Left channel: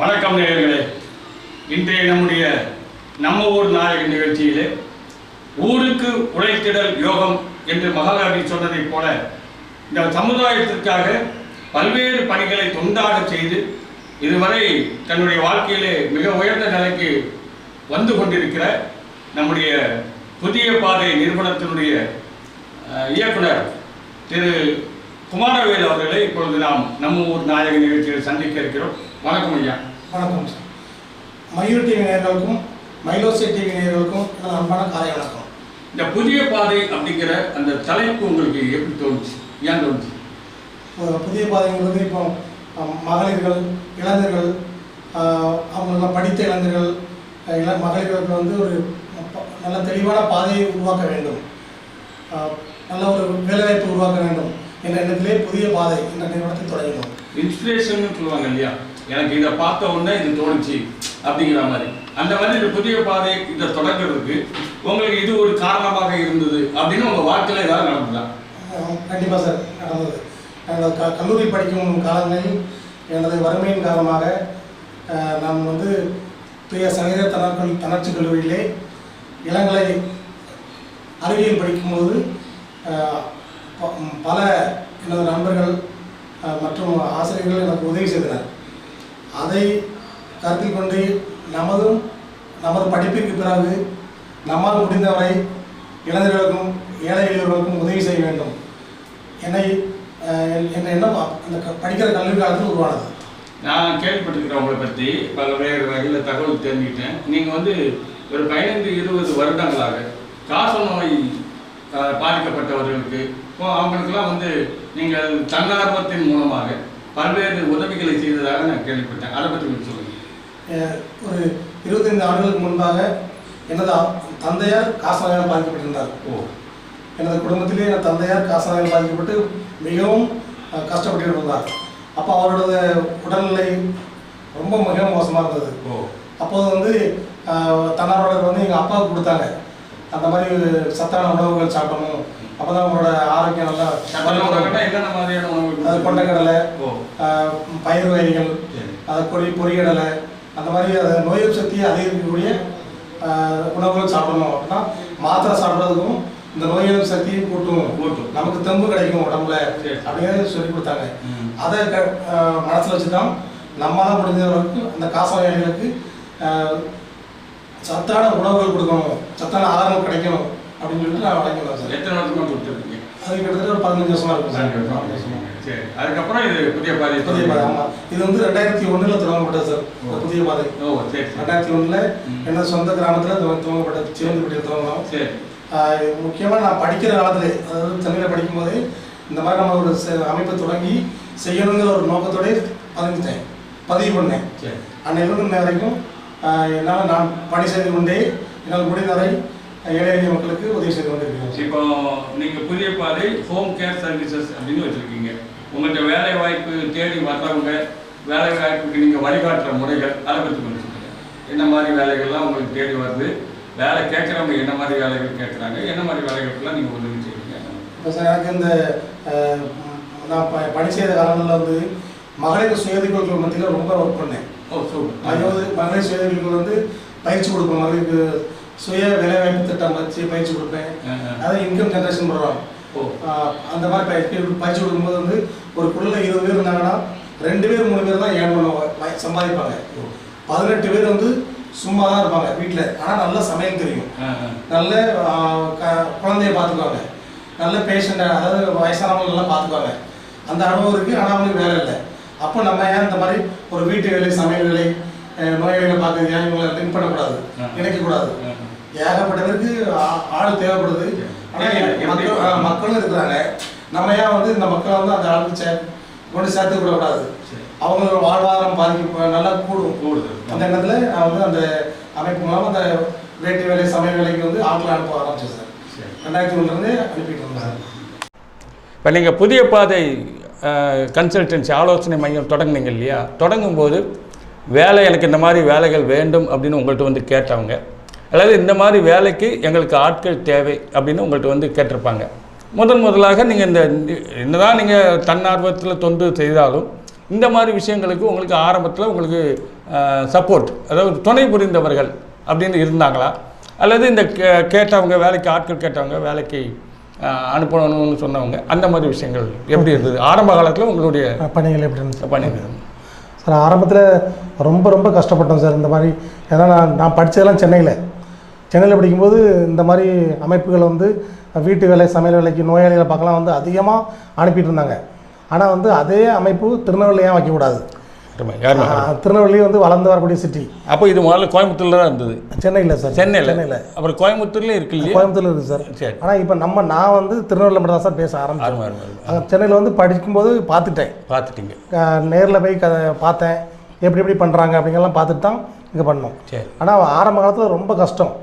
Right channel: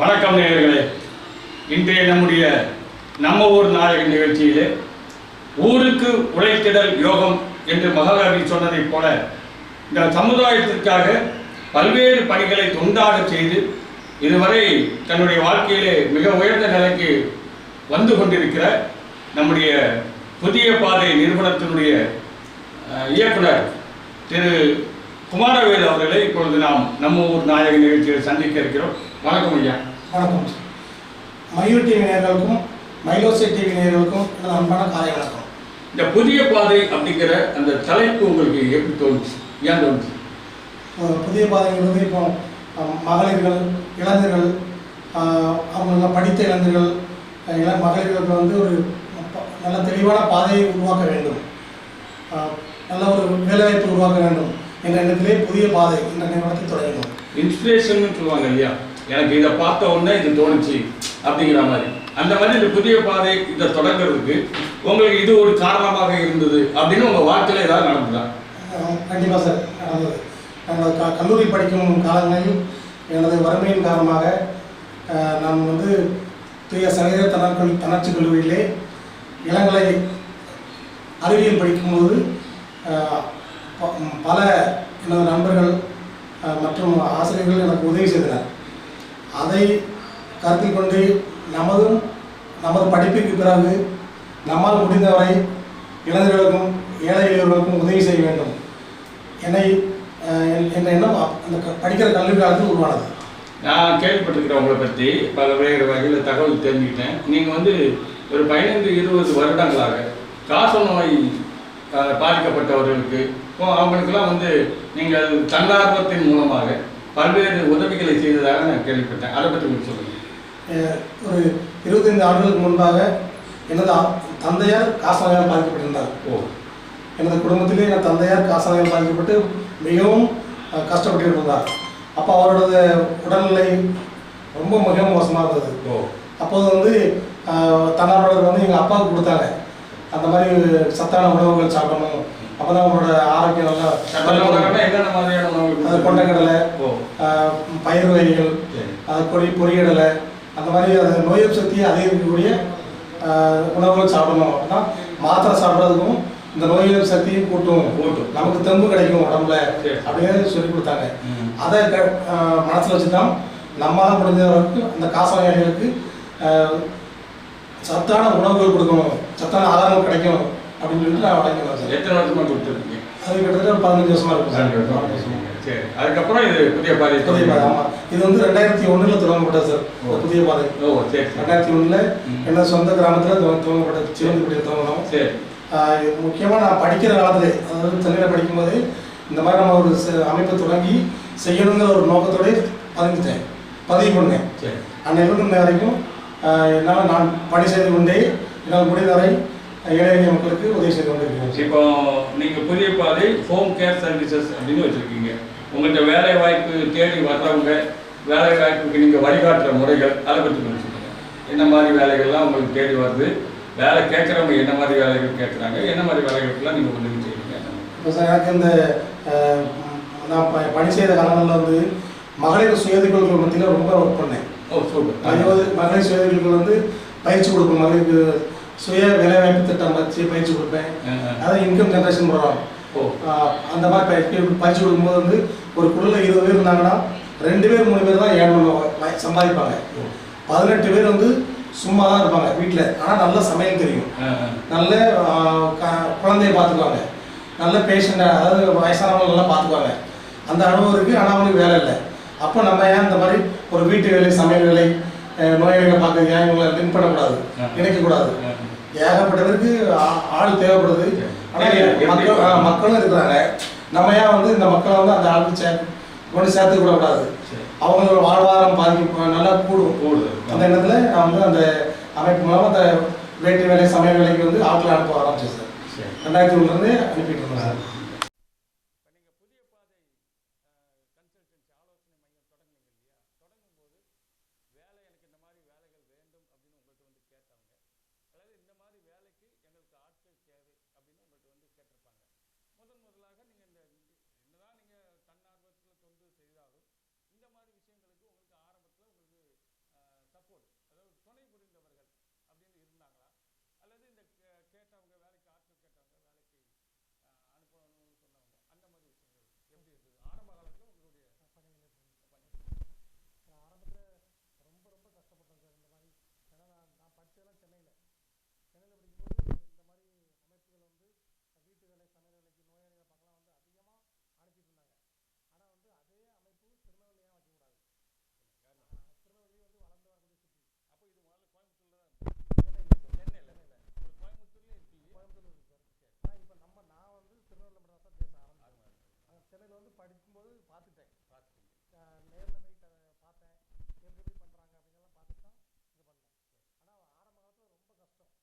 வணக்கம் நேயர்களே. இன்றைய நம்முடைய நம்ம ஊர் நாயகன் நிகழ்ச்சியிலே ஊருக்கு உழைத்திடல் யோகம் என்று மகாகவி சொன்னதைப் போல இந்த சமுதாயத்திற்காக பல்வேறு பணிகளை தொண்டாக செய்து இதுவரை தன்னுடைய வாழ்க்கையிலே மிக உயர்ந்த நிலைக்கு வந்து கொண்டிருக்கிற நம்முடைய புதிய பாதை நிறுவனத்தினுடைய இயக்குனர் திரு குமாரவேல் அவர்களை இப்பொழுது நாம் நம்ம ஊர் நாயகன் நிகழ்ச்சியில் சந்திக்க இருக்கிறோம். வணக்கம் ஐயா. வணக்கம் சார். மயூர் டிவி நேயர்களுக்கும் மைலோசி டிவி நேயர்களுக்கும் எனது அன்பான காலை வணக்கம். இந்த புதிய பாதை அப்படிங்கிற அந்த தலைப்பு உங்களுக்கு எப்படி தோணுச்சு, ஏன் தோணுச்சு? புதிய பாதைங்கிறது இப்போ மகளிர்கள், இளைஞர்கள், அவங்க படித்த இளைஞர்கள், மகளிர்களுக்கு வந்து ஒரு நல்ல தெளிவான பாதையை உருவாக்க வேண்டும், நல்ல ஒரு வேலைவாய்ப்பு உருவாக்க வேண்டும் என்ற எண்ணத்திலே புதிய பாதை என்ற நிறுவனத்தை தொடங்கினோம். இன்ஸ்பிரேஷன் சொல்லுவாங்க இல்லையா, எனக்கு இதை பார்த்த உடனே இது தோணுச்சு அப்படிங்கிற மாதிரி. அந்த மாதிரி இந்த புதிய பாதை இதை தொடங்குறதுக்கு உங்களுக்கு இது ஒரு காரணமாக இருந்தது அப்படின்னு உங்கள் வாழ்க்கையில் ஏதாவது நடந்ததா? கண்டிப்பாக சார், நடந்தது. நாங்கள் கல்லூரி படிக்கும் காலங்களில் எனது வறுமையின் காரணமாக நான் வந்து தூய சங்கீத தன்னாட்சி கல்லூரியிலே இளங்கலை அறிவியல் படிக்கும்போது பல எனது நண்பர்கள் மற்றும் ஆசிரியர்கள் எனக்கு உதவி செய்தனர். அதை கருத்தில் கொண்டு நமது படிப்பிற்கு பிறகு நம்மால் முடிந்தவரை இளைஞர்களுக்கும் ஏழை எளியவர்களுக்கும் உதவி செய்ய வேண்டும் என்ற எண்ணம் அந்த படிக்கிற கல்வி காலத்தில் உருவானது. நான் கேள்விப்பட்டிருக்கிறேன் உங்களை பற்றி பல வேறு வகையில் தகவல் தெரிஞ்சுக்கிட்டேன். நீங்கள் வந்து ஒரு 15-20 வருடங்களாக காச நோய் பாதிக்கப்பட்டவர்களுக்கு அவங்களுக்கெல்லாம் வந்து நீங்கள் தன்னார்வத்தின் மூலமாக பல்வேறு உதவிகளை செய்ததாக நான் கேள்விப்பட்டேன். அதை பற்றி உங்களுக்கு சொல்லுங்கள். ஒரு 25 ஆண்டுகளுக்கு முன்பாக எனது தந்தையார் காசநோயால் பாதிக்கப்பட்டிருந்தார். எனது குடும்பத்திலே எனது தந்தையார் காசநோயால் பாதிக்கப்பட்டு மிகவும் கஷ்டப்பட்டு இருந்தார். அப்போ அவரோட உடல்நிலை ரொம்ப மிகவும் மோசமாக இருந்தது. அப்போது வந்து தன்னார்வலர் வந்து எங்கள் அப்பாவுக்கு கொடுத்தாங்க, அந்த மாதிரி சத்தான உணவுகள் சாப்பிடணும், அப்போ தான் அவங்களோட ஆரோக்கியம் நல்லா. என்னென்ன மாதிரியான உணவுகள்? அது கொண்டைக்கடலை, பயிர் வகைகள், அது பொரியடலை, அந்த மாதிரி அதை நோய் எதிர்ப்பு சக்தியை அதிகரிக்கக்கூடிய உணவுகள் சாப்பிடணும். அப்படின்னா மாத்திரை சாப்பிட்றதுக்கும் இந்த நோய் எதிர்ப்பு சக்தியும் கூட்டும், நமக்கு தெம்பு கிடைக்கும் உடம்புல அப்படின்னு சொல்லி கொடுத்தாங்க. அதை மனசில் வச்சு தான் நம்மளால் முடிஞ்சவர்களுக்கு அந்த காசநோயாளிகளுக்கு சத்தான உணவுகள் கொடுக்கணும், சத்தான ஆதாரங்கள் கிடைக்கும் அப்படின்னு சொல்லிட்டு நான் வழங்கிடுவேன் சார். எத்தனை வருஷமாக கொடுத்துருக்கீங்க? அது கிட்டத்தட்ட ஒரு 15 வருஷமா இருக்கும் சார். சரி, அதுக்கப்புறம் இது புதிய பாதை. ஆமாம், இது வந்து 2001 தொடங்கப்பட்டது சார். புதிய பாதை 2001 என்ன சொந்த கிராமத்தில் துவங்கப்பட்டது, சிவந்திப்பட்டியில் துவங்கணும். சரி. முக்கியமாக நான் படிக்கிற காலத்திலே, அதாவது சென்னையில் படிக்கும்போது இந்த மாதிரி நம்ம ஒரு அமைப்பை தொடங்கி செய்யணுங்கிற ஒரு நோக்கத்தோடய பதிவு பண்ணேன். அன்னையிலிருந்து இன்ன வரைக்கும் என்னால் நான் பணி செய்து கொண்டே என்னால் முடிந்தவரை ஏழை எளிய மக்களுக்கு உதவி செய்து கொண்டிருக்கிறேன். இப்போ நீங்கள் புதிய பாதை ஹோம் கேர் சர்வீசஸ் அப்படின்னு வச்சுருக்கீங்க. உங்கள்கிட்ட வேலை வாய்ப்பு தேடி வர்றவங்க, வேலை வாய்ப்புக்கு நீங்கள் வழிகாட்டுற முறைகள், அதை பற்றி கொஞ்சம் சொல்லுங்கள். என்ன மாதிரி வேலைகள்லாம் உங்களுக்கு தேடி வருது, வேலை கேட்குறவங்க என்ன மாதிரி வேலைகள் கேட்குறாங்க, என்ன மாதிரி வேலைகளுக்கெல்லாம் நீங்கள் உதவி செய்வீங்க? இப்போ சார், எனக்கு இந்த நான் பணி செய்த காலங்களில் வந்து மகளிர் சுயதொழில்கள் மத்தியில் ரொம்ப ஒர்க் பண்ணேன். மகளிர் சுயதொழில்கள் வந்து பயிற்சி கொடுப்பேன், மகளிருக்கு சுய வேலைவாய்ப்பு திட்டம் வச்சு பயிற்சி கொடுப்பேன். அதாவது இன்கம் ஜென்ரேஷன் ப்ரோக்ராம். அந்த மாதிரி பயிற்சி கொடுக்கும்போது வந்து ஒரு குழுவில் 20 பேர் இருந்தாங்கன்னா 2 பேர் 3 பேர் தான் ஏன் பண்ணுவாங்க, சம்பாதிப்பாங்க. 18 பேர் வந்து சும்மா தான் இருப்பாங்க வீட்டில், ஆனால் நல்ல சமையல் தெரியும், நல்ல குழந்தைய பார்த்துக்குவாங்க, நல்ல பேஷண்ட்டை, அதாவது வயசானவங்களெல்லாம் பார்த்துக்குவாங்க. அந்த அனுபவம் இருக்குது, ஆனால் அவங்களுக்கு வேலை இல்லை. அப்போ நம்ம ஏன் இந்த மாதிரி ஒரு வீட்டு வேலை, சமையல் வேலை, நோயாளிகளை பார்க்க ஏன் இவங்களை லிங்க் பண்ணக்கூடாது, நினைக்கக்கூடாது? ஏகப்பட்ட பேருக்கு ஆள் தேவைப்படுது, ஆனால் மக்களும் இருக்கிறாங்க. நம்ம ஏன் வந்து இந்த மக்களை வந்து அந்த ஆளுக்கு கொண்டு சேர்த்து விடக்கூடாது? அவங்களோட வாழ்வாதாரம் பாதிக்க நல்லா கூடுது. அந்த எண்ணத்தில் நான் வந்து அந்த அமைப்பு மூலமாக அந்த வீட்டு வேலை, சமையல் வேலைக்கு வந்து ஆட்களை அனுப்ப ஆரம்பிச்சேன் சார். 2001 அனுப்பிட்டு இருந்தேன் சார். இப்போ நீங்கள் புதிய பாதை கன்சல்டன்சி ஆலோசனை மையம் தொடங்குனீங்க இல்லையா? தொடங்கும்போது வேலை, எனக்கு இந்த மாதிரி வேலைகள் வேண்டும் அப்படின்னு உங்கள்கிட்ட வந்து கேட்டவங்க, அல்லது இந்த மாதிரி வேலைக்கு எங்களுக்கு ஆட்கள் தேவை அப்படின்னு உங்கள்கிட்ட வந்து கேட்டிருப்பாங்க. முதலாக நீங்கள் இந்த என்னதான் நீங்கள் தன்னார்வத்தில் தொண்டு செய்தாலும் இந்த மாதிரி விஷயங்களுக்கு உங்களுக்கு ஆரம்பத்தில் உங்களுக்கு சப்போர்ட், அதாவது துணை புரிந்தவர்கள் அப்படின்னு இருந்தாங்களா? அல்லது இந்த கேட்டவங்க வேலைக்கு ஆட்கள் கேட்டவங்க வேலைக்கு அனுப்பணும்னு சொன்னவங்க அந்த மாதிரி விஷயங்கள் எப்படி இருந்தது ஆரம்ப காலத்தில் உங்களுடைய பணிகள் எப்படி இருந்துச்சு? பணிகள் சார் ஆரம்பத்தில் ரொம்ப ரொம்ப கஷ்டப்பட்டோம் சார். இந்த மாதிரி ஏன்னா நான் படித்ததெல்லாம் சென்னையில் படிக்கும்போது இந்த மாதிரி அமைப்புகள் வந்து வீட்டு வேலை, சமையல் வேலைக்கு, நோயாளிகளை பார்க்கலாம் வந்து அதிகமாக அனுப்பிட்டு இருந்தாங்க. ஆனால் வந்து அதே அமைப்பு திருநெல்வேலியாக வைக்கக்கூடாது. திருநெல்வேலி வந்து வளர்ந்து வரக்கூடிய சிட்டி. அப்போ இது முதல்ல கோயம்புத்தூர்ல தான் இருந்தது. சென்னையில் சார். சென்னையில் அப்புறம் கோயம்புத்தூர்லேயும் இருக்கு இல்லையா? கோயம்புத்தூர்ல இருக்குது சார். சரி. ஆனால் இப்போ நான் வந்து திருநெல்வேலியில் மட்டும் தான் சார் பேச ஆரம்பிச்சேன். சென்னையில் வந்து படிக்கும்போது பார்த்துட்டீங்க. நேரில் போய் பார்த்தேன் எப்படி பண்ணுறாங்க அப்படிங்கலாம் பார்த்துட்டு தான் இங்கே பண்ணோம். சரி. ஆனால் ஆரம்ப காலத்தில் ரொம்ப கஷ்டம்,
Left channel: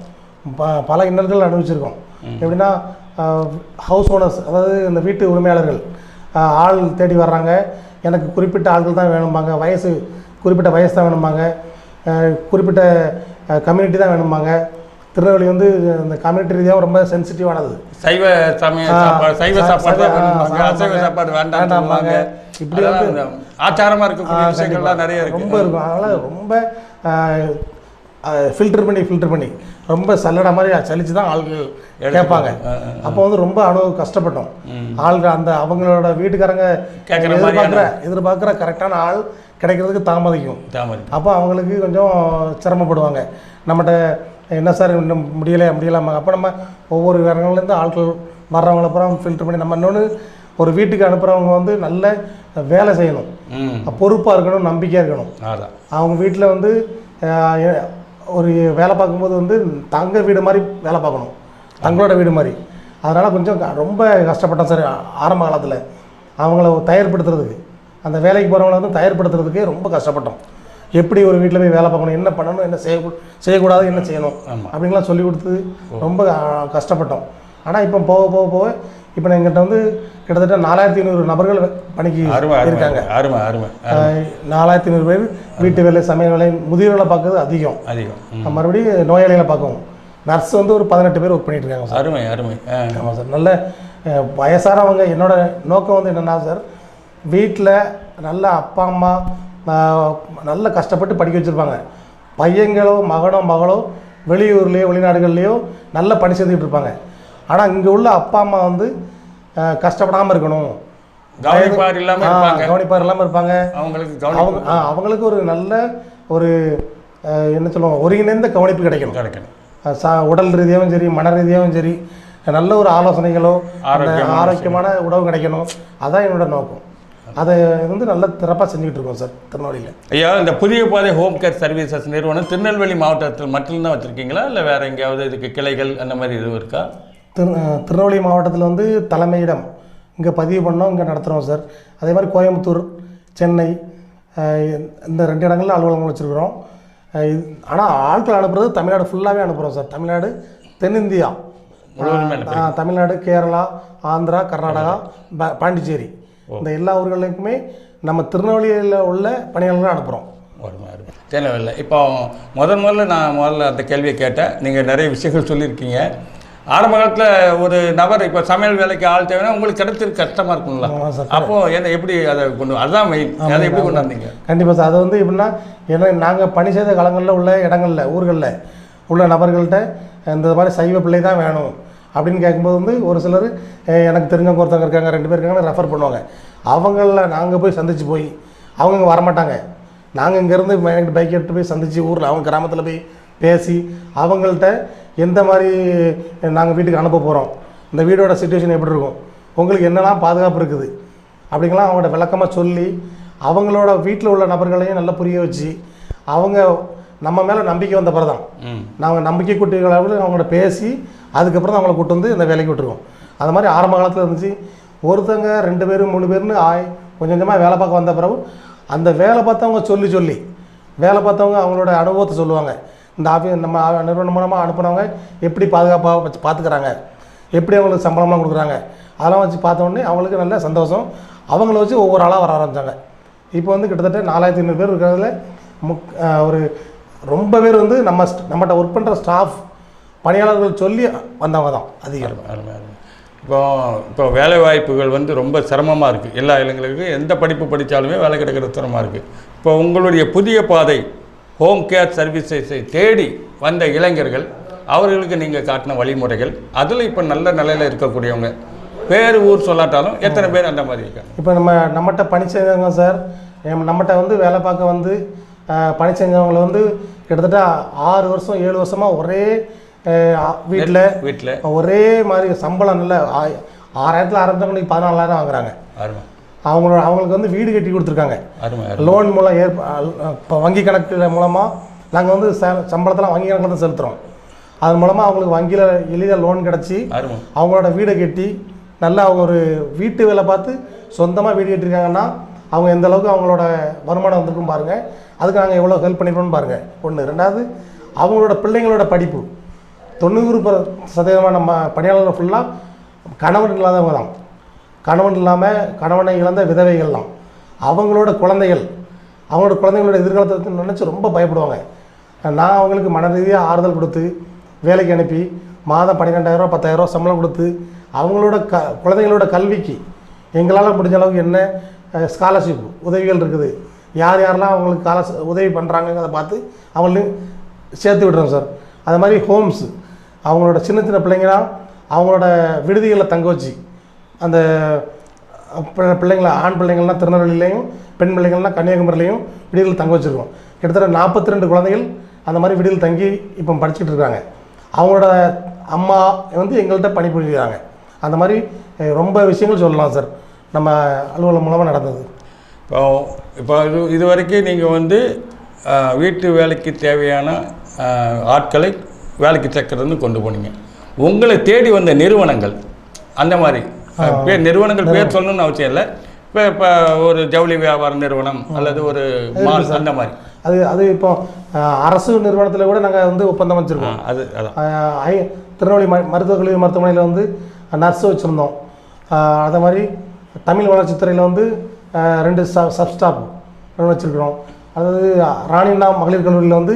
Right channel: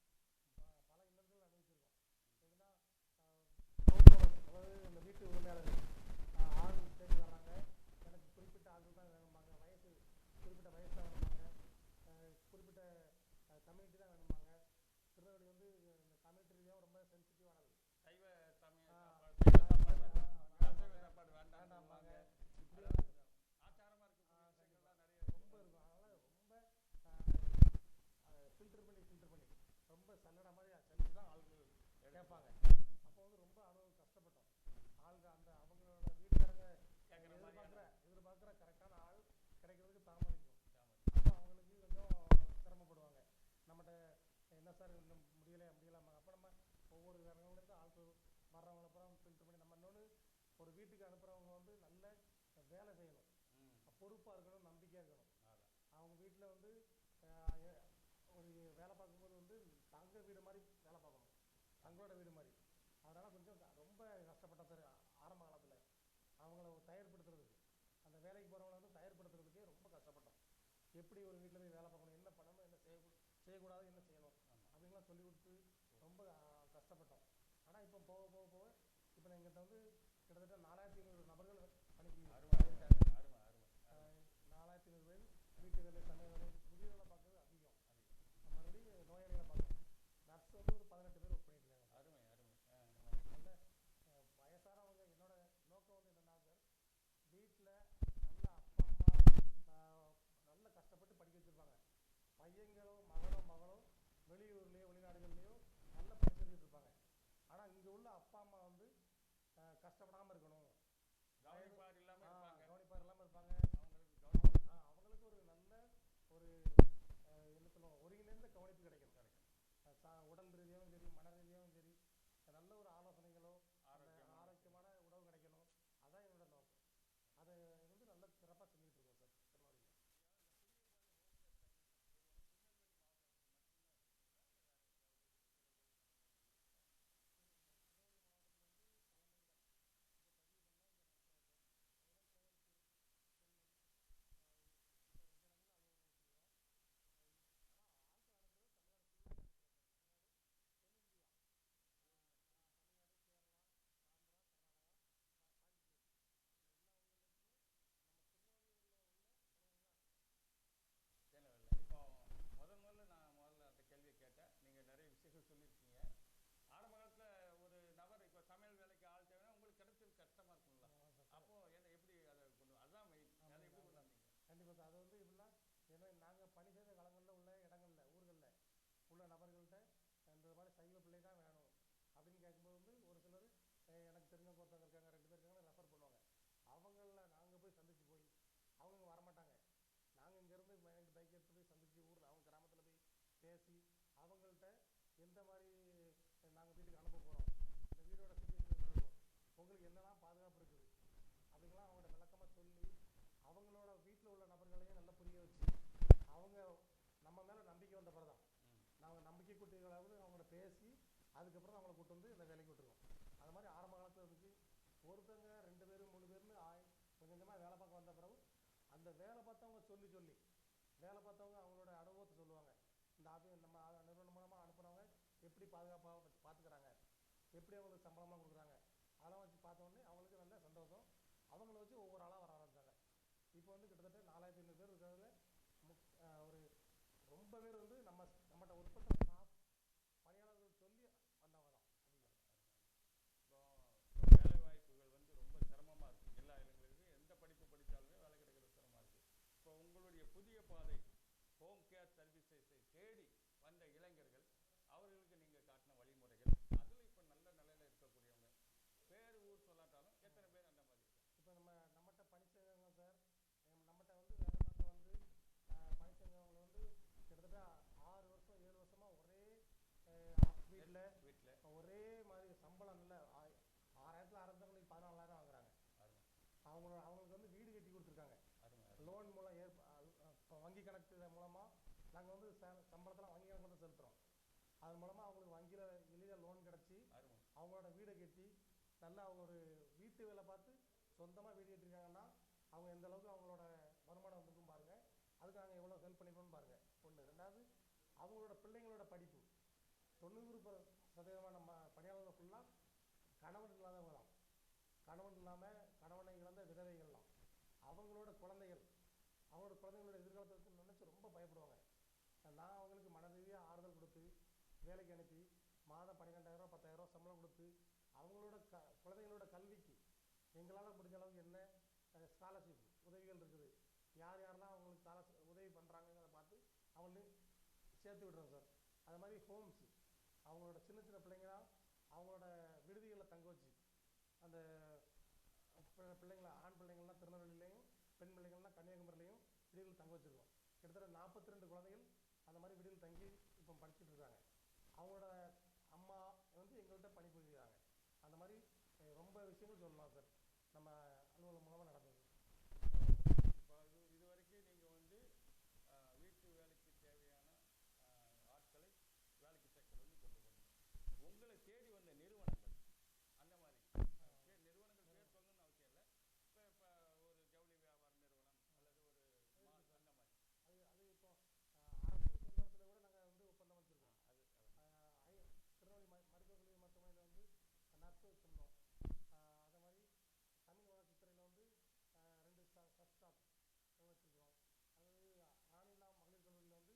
பல இன்னல்கள் அனுபவிச்சிருக்கோம். எப்படின்னா ஹவுஸ் ஓனர்ஸ், அதாவது இந்த வீட்டு உரிமையாளர்கள் ஆள் தேடி வர்றாங்க. எனக்கு குறிப்பிட்ட ஆட்கள் தான் வேணும்பாங்க, குறிப்பிட்ட வயசு தான் வேணும்பாங்க, குறிப்பிட்ட கம்யூனிட்டி தான் வேணும்பாங்க. திருநெல்வேலி வந்து இந்த கம்யூனிட்டி ரீதியாக ரொம்ப சென்சிட்டிவானது. சைவ சாப்பாடு வேண்டாம்பாங்க. இப்படி வந்து ஆச்சாரமாக இருக்கக்கூடிய விஷயங்கள்லாம் நிறைய ரொம்ப இருக்கும். அதனால் ரொம்ப ஃபில்டர் பண்ணி ரொம்ப சல்லடை மாதிரி சலிச்சு தான் ஆள்கள் கேட்பாங்க. அப்போ வந்து ரொம்ப கஷ்டப்பட்டோம். ஆள்கள் அந்த அவங்களோட வீட்டுக்காரங்க எதிர்பார்க்குற கரெக்டான ஆள் கிடைக்கிறதுக்கு தாமதிக்கும். அப்போ அவங்களுக்கு கொஞ்சம் சிரமப்படுவாங்க. நம்மகிட்ட என்ன சார் இன்னும் முடியலாமா? அப்போ நம்ம ஒவ்வொரு இடங்கள்லேருந்து ஆட்கள் வர்றவங்கள அப்புறம் ஃபில்டர் பண்ணி நம்ம இன்னொன்று ஒரு வீட்டுக்கு அனுப்புகிறவங்க வந்து நல்ல வேலை செய்யணும், பொறுப்பாக இருக்கணும், நம்பிக்கையாக இருக்கணும். அவங்க வீட்டில் வந்து ஒரு வேலை பார்க்கும்போது வந்து தங்க வீடு மாதிரி வேலை பார்க்கணும், தங்களோட வீடு மாதிரி. அதனால் கொஞ்சம் ரொம்ப கஷ்டப்பட்டேன் சார் ஆரம்ப காலத்தில். அவங்கள தயார்படுத்துறதுக்கு, அந்த வேலைக்கு போகிறவங்கள வந்து தயார்படுத்துறதுக்கே ரொம்ப கஷ்டப்பட்டோம். எப்படி ஒரு வீட்டில் போய் வேலை பார்க்கணும், என்ன பண்ணணும், என்ன செய்யக்கூடாது, என்ன செய்யணும் அப்படின்லாம் சொல்லி கொடுத்து ரொம்ப கஷ்டப்பட்டோம். ஆனால் இப்போ போக இப்போ எங்கிட்ட வந்து கிட்டத்தட்ட 4500 நபர்கள் பணிக்கு இருக்காங்க. 4500 பேர் வீட்டு வேலை, சமையல் வேலை, முதியோர்களை பார்க்கறது அதிகம். மறுபடியும் நோயாளிகளை பார்க்கவும் நர்ஸ் வந்து ஒரு 18 பேர் ஒர்க் பண்ணிட்டு இருக்காங்க சார். ஆமாம் சார். நல்ல வயசானவங்க. என்னோட நோக்கம் வந்து என்னென்னா சார், வீட்டில் நல்ல அப்பா அம்மா நல்ல கஷ்டப்பட்டு படிக்க வச்சுருப்பாங்க. பையங்களோ மகனோ வெளியூர்லேயோ வெளிநாடுகள்லேயோ நல்ல பணி செஞ்சுக்கிட்டு இருப்பாங்க. ஆனால் இங்கே உள்ள அப்பா அம்மா வந்து கஷ்டப்படாமல் இருக்கணும், கவனிப்பார் இல்லாமல் இருப்பாங்க. அவங்களுக்கு ஒரு நல்ல ஒரு என்ன சொல்லுவோம், ஒருங்கிணைந்த கவனிப்பு கிடைக்கணும். உடல் ரீதியாகவும் சரி, மன ரீதியாகவும் சரி, நல்ல ஒரு ஆலோசனைகளோ ஆரோக்கியமான உணவு கிடைக்கணும். அதான் என்னோட நோக்கம். அதை வந்து நல்ல சிறப்பாக செஞ்சுக்கிட்டு இருக்கோம் சார் திருநெல்வேலியில். ஐயா, இந்த புதிய பாதை ஹோம் கேர் சர்வீசஸ் நிறுவனம் திருநெல்வேலி மாவட்டத்தில் மட்டும்தான் வச்சுருக்கீங்களா, இல்லை வேறு எங்கேயாவது இதுக்கு கிளைகள் அந்த மாதிரி எதுவும் இருக்கா? திருநெல்வேலி மாவட்டத்தில் வந்து தலைமையிடம் இங்கே பதிவு பண்ணோம், இங்கே நடத்துகிறோம் சார். அதே மாதிரி கோயம்புத்தூர், சென்னை, இந்த 2 இடங்களில் அலுவலகங்கள் வச்சுருக்குறோம். ஆனால் ஆட்கள் அனுப்புறது தமிழ்நாடு ஃபுல்லாகவே அனுப்புகிறோம் சார். தமிழ்நாடு, தென்னிந்தியா, தமிழ்நாடு, கேரளா, ஆந்திரா, கர்நாடகா, பாண்டிச்சேரி, இந்த எல்லா ஊர்களுக்குமே நம்ம திருநெல்வேலியில் உள்ள பணியாளர்களை அனுப்புகிறோம். தேவையில்லை. இப்போ முதல்ல அந்த கேள்வியை கேட்டேன். நீங்கள் நிறைய விஷயங்கள் சொல்லியிருக்கீங்க. ஆரம்ப காலத்தில் ஒரு நபர் இப்போ சமையல் வேலைக்கு ஆள் தேவைன்னா உங்களுக்கு கிடைச்சிருக்கு கஷ்டமாக இருக்குங்களா? அப்போது என்ன எப்படி அதை அதுதான் மெயின், அதை எப்படி கொண்டு வந்தீங்க? கண்டிப்பாக சார். அது வந்து எப்படின்னா, ஏன்னா நாங்கள் பணி செய்த காலங்களில் உள்ள இடங்களில், ஊர்களில் உள்ள நபர்கள்ட்ட இந்த மாதிரி சைவ பிள்ளை தான் வேணும் அப்படின்னு கேட்கும்போது வந்து ஒரு சிலர் எனக்கு தெரிஞ்சவங்க ஒருத்தவங்க இருக்காங்க, 2 பேர் இருக்காங்கன்னு ரெஃபர் பண்ணுவாங்க. அவங்கள நாங்கள் போய் சந்தித்து போய் அவங்க இங்கே வரமாட்டாங்க. நாங்கள் இங்கேருந்து பைக் எடுத்து போய் சந்தித்து ஊரில் அவங்க கிராமத்தில் போய் பேசி அவங்கள்ட்ட எந்த மாதிரி நாங்கள் வீட்டுக்கு அனுப்ப போகிறோம், இந்த வீடோட சிச்சுவேஷன் எப்படி இருக்கும், உங்களுக்கு என்னெல்லாம் பாதுகாப்பு இருக்குது அப்படிங்கலாம் அவங்கள்ட்ட விளக்கமாக சொல்லி அவங்களோட வீட்டில் உள்ள நபர்களையும் நல்லா புரிய வச்சு அவங்க நம்ம மேலே நம்பிக்கை வந்த பிறகு தான் நாங்கள் நம்பிக்கை கூட்டிகளவில் அவங்கள்ட்ட பேசி அதுக்கப்புறம் தான் அவங்கள கூட்டு வந்து இந்த வேலைக்கு விட்டுருக்கோம். அது மாதிரி ஆரம்ப காலத்தில் இருந்துச்சு. ஒருத்தங்க 2 பேர் 3 பேர்னு கொஞ்சம் கொஞ்சமாக வேலை பார்க்க வந்த பிறகு அந்த வேலை பார்த்தவங்க சொல்லி வேலை பார்த்தவங்க அவங்களோட அனுபவத்தை சொல்லுவாங்க. இந்த நம்ம நிறுவனம் மூலமாக அனுப்புனவங்க எப்படி பாதுகாப்பாக வச்சு பார்த்துக்கிறாங்க, எப்படி அவங்களுக்கு சம்பளமாக கொடுக்குறாங்க, அதெல்லாம் வச்சு பார்த்தோன்னே அவங்களுக்கு நல்ல சந்தோஷம். அவங்கள வச்சு ஒவ்வொரு ஆளாக வர ஆரம்பித்தாங்க. இப்போ வந்து கிட்டத்தட்ட 4500 பேர் இருக்கிறதுல ஒரு ரொம்ப பேர் வந்து நம்மகிட்ட ஒர்க் பண்ணுற ஸ்டாஃப் பணியாளர்கள் சொல்லி வந்தவங்க தான் அதிகம். இப்போ வேலை வாய்ப்புகள் வந்து ரொம்ப சிரமமாக இருக்குது. எல்லா இளைஞர்களுக்கும் எந்த படிப்பு படித்தாலுமே வேலை கிடைக்கிற சிரமமாக இருக்குது. இப்போ உங்களுடைய புதிய பாதை ஹோம் கேர் சர்வீசஸை தேடி வந்த இளைஞர்கள், அவர்களுக்கு நீங்கள் காட்டின வழிமுறைகள், அதில் இப்போ நல்ல நிலையில் இருக்கக்கூடியவங்க பேர் ஊர் சொல்லாட்டாலும் எத்தனை பேர் அந்த மாதிரி இருக்காங்க? இப்போ நம்மகிட்ட பணி செஞ்சவங்க சார், நம்மகிட்ட வந்து வேலை பார்க்க வந்து பணி செஞ்சவங்களை வந்து கிட்டத்தட்ட 6 வருஷம் 7 வருஷமாக ஒரே வீட்டில் ஒரே மாதிரி சம்பளம் நல்ல 6,000 ஆரம்பித்தவங்க 14,000 வாங்குறாங்க. அவங்களுக்கு வந்து வீடு கட்டி கொடுத்துருக்காங்க. லோன் மூலம் இப்போ வங்கி கணக்கு மூலமாக நாங்கள் வந்து சம்பளத்தெல்லாம் வங்கி கணக்கில் தான் செலுத்துகிறோம். அது மூலமாக அவங்களுக்கு வங்கியில் எளிதாக லோன் கிடச்சி அவங்களோட வீடை கட்டி நல்லா அவங்க ஒரு வீட்டு வேலை பார்த்து சொந்தமாக வீடு கட்டியிருக்காங்கன்னா அவங்க எந்த அளவுக்கு அவங்களோட வருமானம் வந்திருக்கும் பாருங்கள். அதுக்கு நாங்கள் எவ்வளோ ஹெல்ப் பண்ணிருக்கோம்னு பாருங்கள். ஒன்று. ரெண்டாவது, அவங்களோட பிள்ளைங்களோட படிப்பு 90% நம்ம பணியாளர்கள் ஃபுல்லாக கணவன் இல்லாதவங்க தான். கணவன் இல்லாமல் கணவனை இழந்த விதவைகள் தான். அவங்களோட குழந்தைங்களோட எதிர்காலத்தை நினச்சி ரொம்ப பயப்படுவாங்க. நான் அவங்களுக்கு மன ரீதியாக ஆறுதல் கொடுத்து வேலைக்கு அனுப்பி மாதம் 12,000 10,000 சம்பளம் கொடுத்து அவங்களோட குழந்தைங்களோட கல்விக்கு எங்களால் முடிஞ்ச அளவுக்கு என்ன ஸ்காலர்ஷிப் உதவிகள் இருக்குது, யாரெல்லாம் அவங்களுக்கு உதவி பண்ணுறாங்கங்கிறத பார்த்து அவங்களையும் சேர்த்து விடுறோம் சார். அது மாதிரி ஹோம்ஸு அவங்களோட சின்ன பிள்ளைங்களாம் அவங்களோட விடுதிகளில் தங்க வச்சு அந்த பிள்ளைங்கள ஆண் பிள்ளைங்கள்லாம் திருநெல்வேலியிலையும் பெண் பிள்ளைங்கள்லாம் கன்னியாகுமரியிலையும் விடுதிகளில் தங்க வச்சுருக்கோம். கிட்டத்தட்ட 42 குழந்தைகள் அந்த மாதிரி விடுதியில் தங்கி இப்போ படிச்சுட்டு இருக்காங்க. அவங்களோட அம்மா வந்து எங்கள்கிட்ட பணிபுரிகிறாங்க. அந்த மாதிரி ரொம்ப விஷயங்கள் சொல்லலாம் சார் நம்ம அலுவலகம் மூலமாக நடந்தது. இப்போ இது வரைக்கும் நீங்கள் வந்து வீட்டு வேலைக்கு தேவையான ஆட்களை வேலைக்கு சேர்க்கறதுன்னு கொண்டு போனீங்க. உங்களை தேடி வந்த நிறுவனங்கள் அந்த மாதிரி நிறுவனங்கள் பேர் சொல்லணும்னு அவசியம் இல்லை. இப்போ ஒரு ஜவுளி வியாபார நிறுவனம் அல்லது ஒரு மால் அந்த மாதிரி அது இப்போ அரசு நிறுவனத்தில் கூட நாங்கள் வந்து ஒப்பந்தம் வச்சுருக்கோம். திருநெல்வேலி மருத்துவக் கல்லூரி மருத்துவமனையில் வந்து நர்ஸு வச்சுருந்தோம். அதே மாதிரி தமிழ் வளர்ச்சித்துறையில் வந்து 2 சப்ஸ்டாப் வச்சுருக்கிறோம். அதாவது ராணியண்ணா மகளிர் கல்லூரியில் வந்து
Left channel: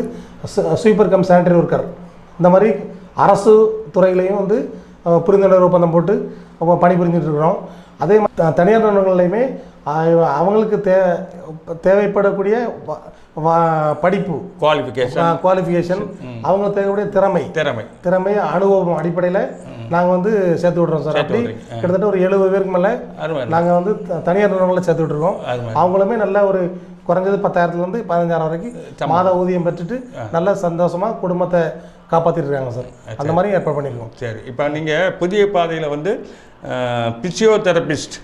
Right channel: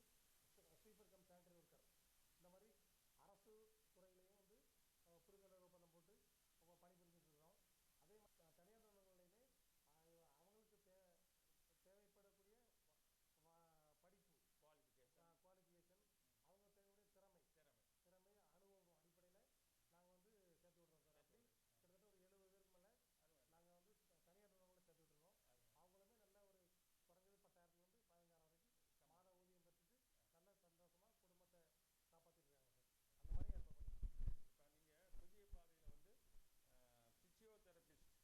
ஸ்வீப்பர் கம் சானிட்டரி ஒர்க்கர். இந்த மாதிரி அரசு துறையிலையும் வந்து புரிந்துணர்வு ஒப்பந்தம் போட்டு பணிபுரிஞ்சிட்டு இருக்கிறோம். அதே மாதிரி தனியார் நிறுவனங்கள்லையுமே அவங்களுக்கு தேவைப்படக்கூடிய படிப்பு குவாலிஃபிகேஷன் அவங்களுக்கு தேவைக்கூடிய திறமை அனுபவம் அடிப்படையில் நாங்கள் வந்து சேர்த்து விட்றோம் சார். அப்படி கிட்டத்தட்ட ஒரு 70 பேருக்கு மேலே நாங்கள் வந்து தனியார் நிறுவனங்களில் சேர்த்து விட்டுருக்கோம். அவங்களுமே நல்ல ஒரு குறைஞ்சது 10,000 15,000 வரைக்கும் மாத ஊதியம் பெற்றுட்டு நல்ல சந்தோஷமாக குடும்பத்தை காப்பாற்றிட்டு இருக்காங்க சார். அந்த மாதிரி ஏற்பாடு பண்ணியிருக்கோம். சரி, இப்போ நீங்கள் புதிய பாதையில் வந்து பிசியோதெரபிஸ்ட்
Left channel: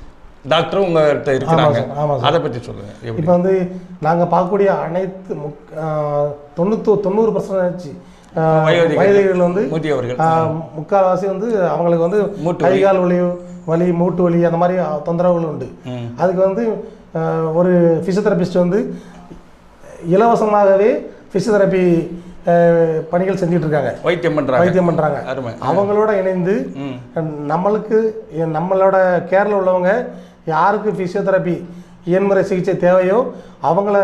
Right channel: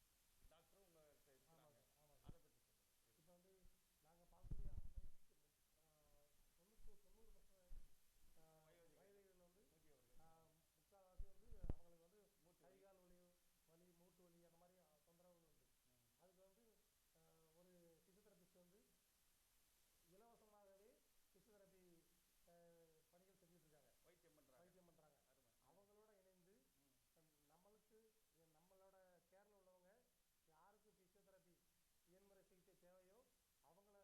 டாக்டரும் உங்கள்கிட்ட இருக்கிறாங்க. ஆமாம், அதை பற்றி சொல்லுங்கள். இப்போ வந்து நாங்கள் பார்க்கக்கூடிய அனைத்து 90% வயதிகள் வந்து முதியவர்கள் முக்கால்வாசி வந்து அவங்களுக்கு வந்து கைகால் வலி மூட்டு வலி அந்த மாதிரி தொந்தரவுகள் உண்டு. அதுக்கு வந்து ஒரு ஃபிசியோதெரபிஸ்ட் வந்து இலவசமாகவே ஃபிசியோதெரப்பி பணிகள் செஞ்சுட்டு இருக்காங்க, வைத்தியம் பண்ணுறாங்க. அவங்களோட இணைந்து நம்மளோட கேரில் உள்ளவங்க யாருக்கு ஃபிசியோதெரப்பி இயன்முறை சிகிச்சை தேவையோ அவங்கள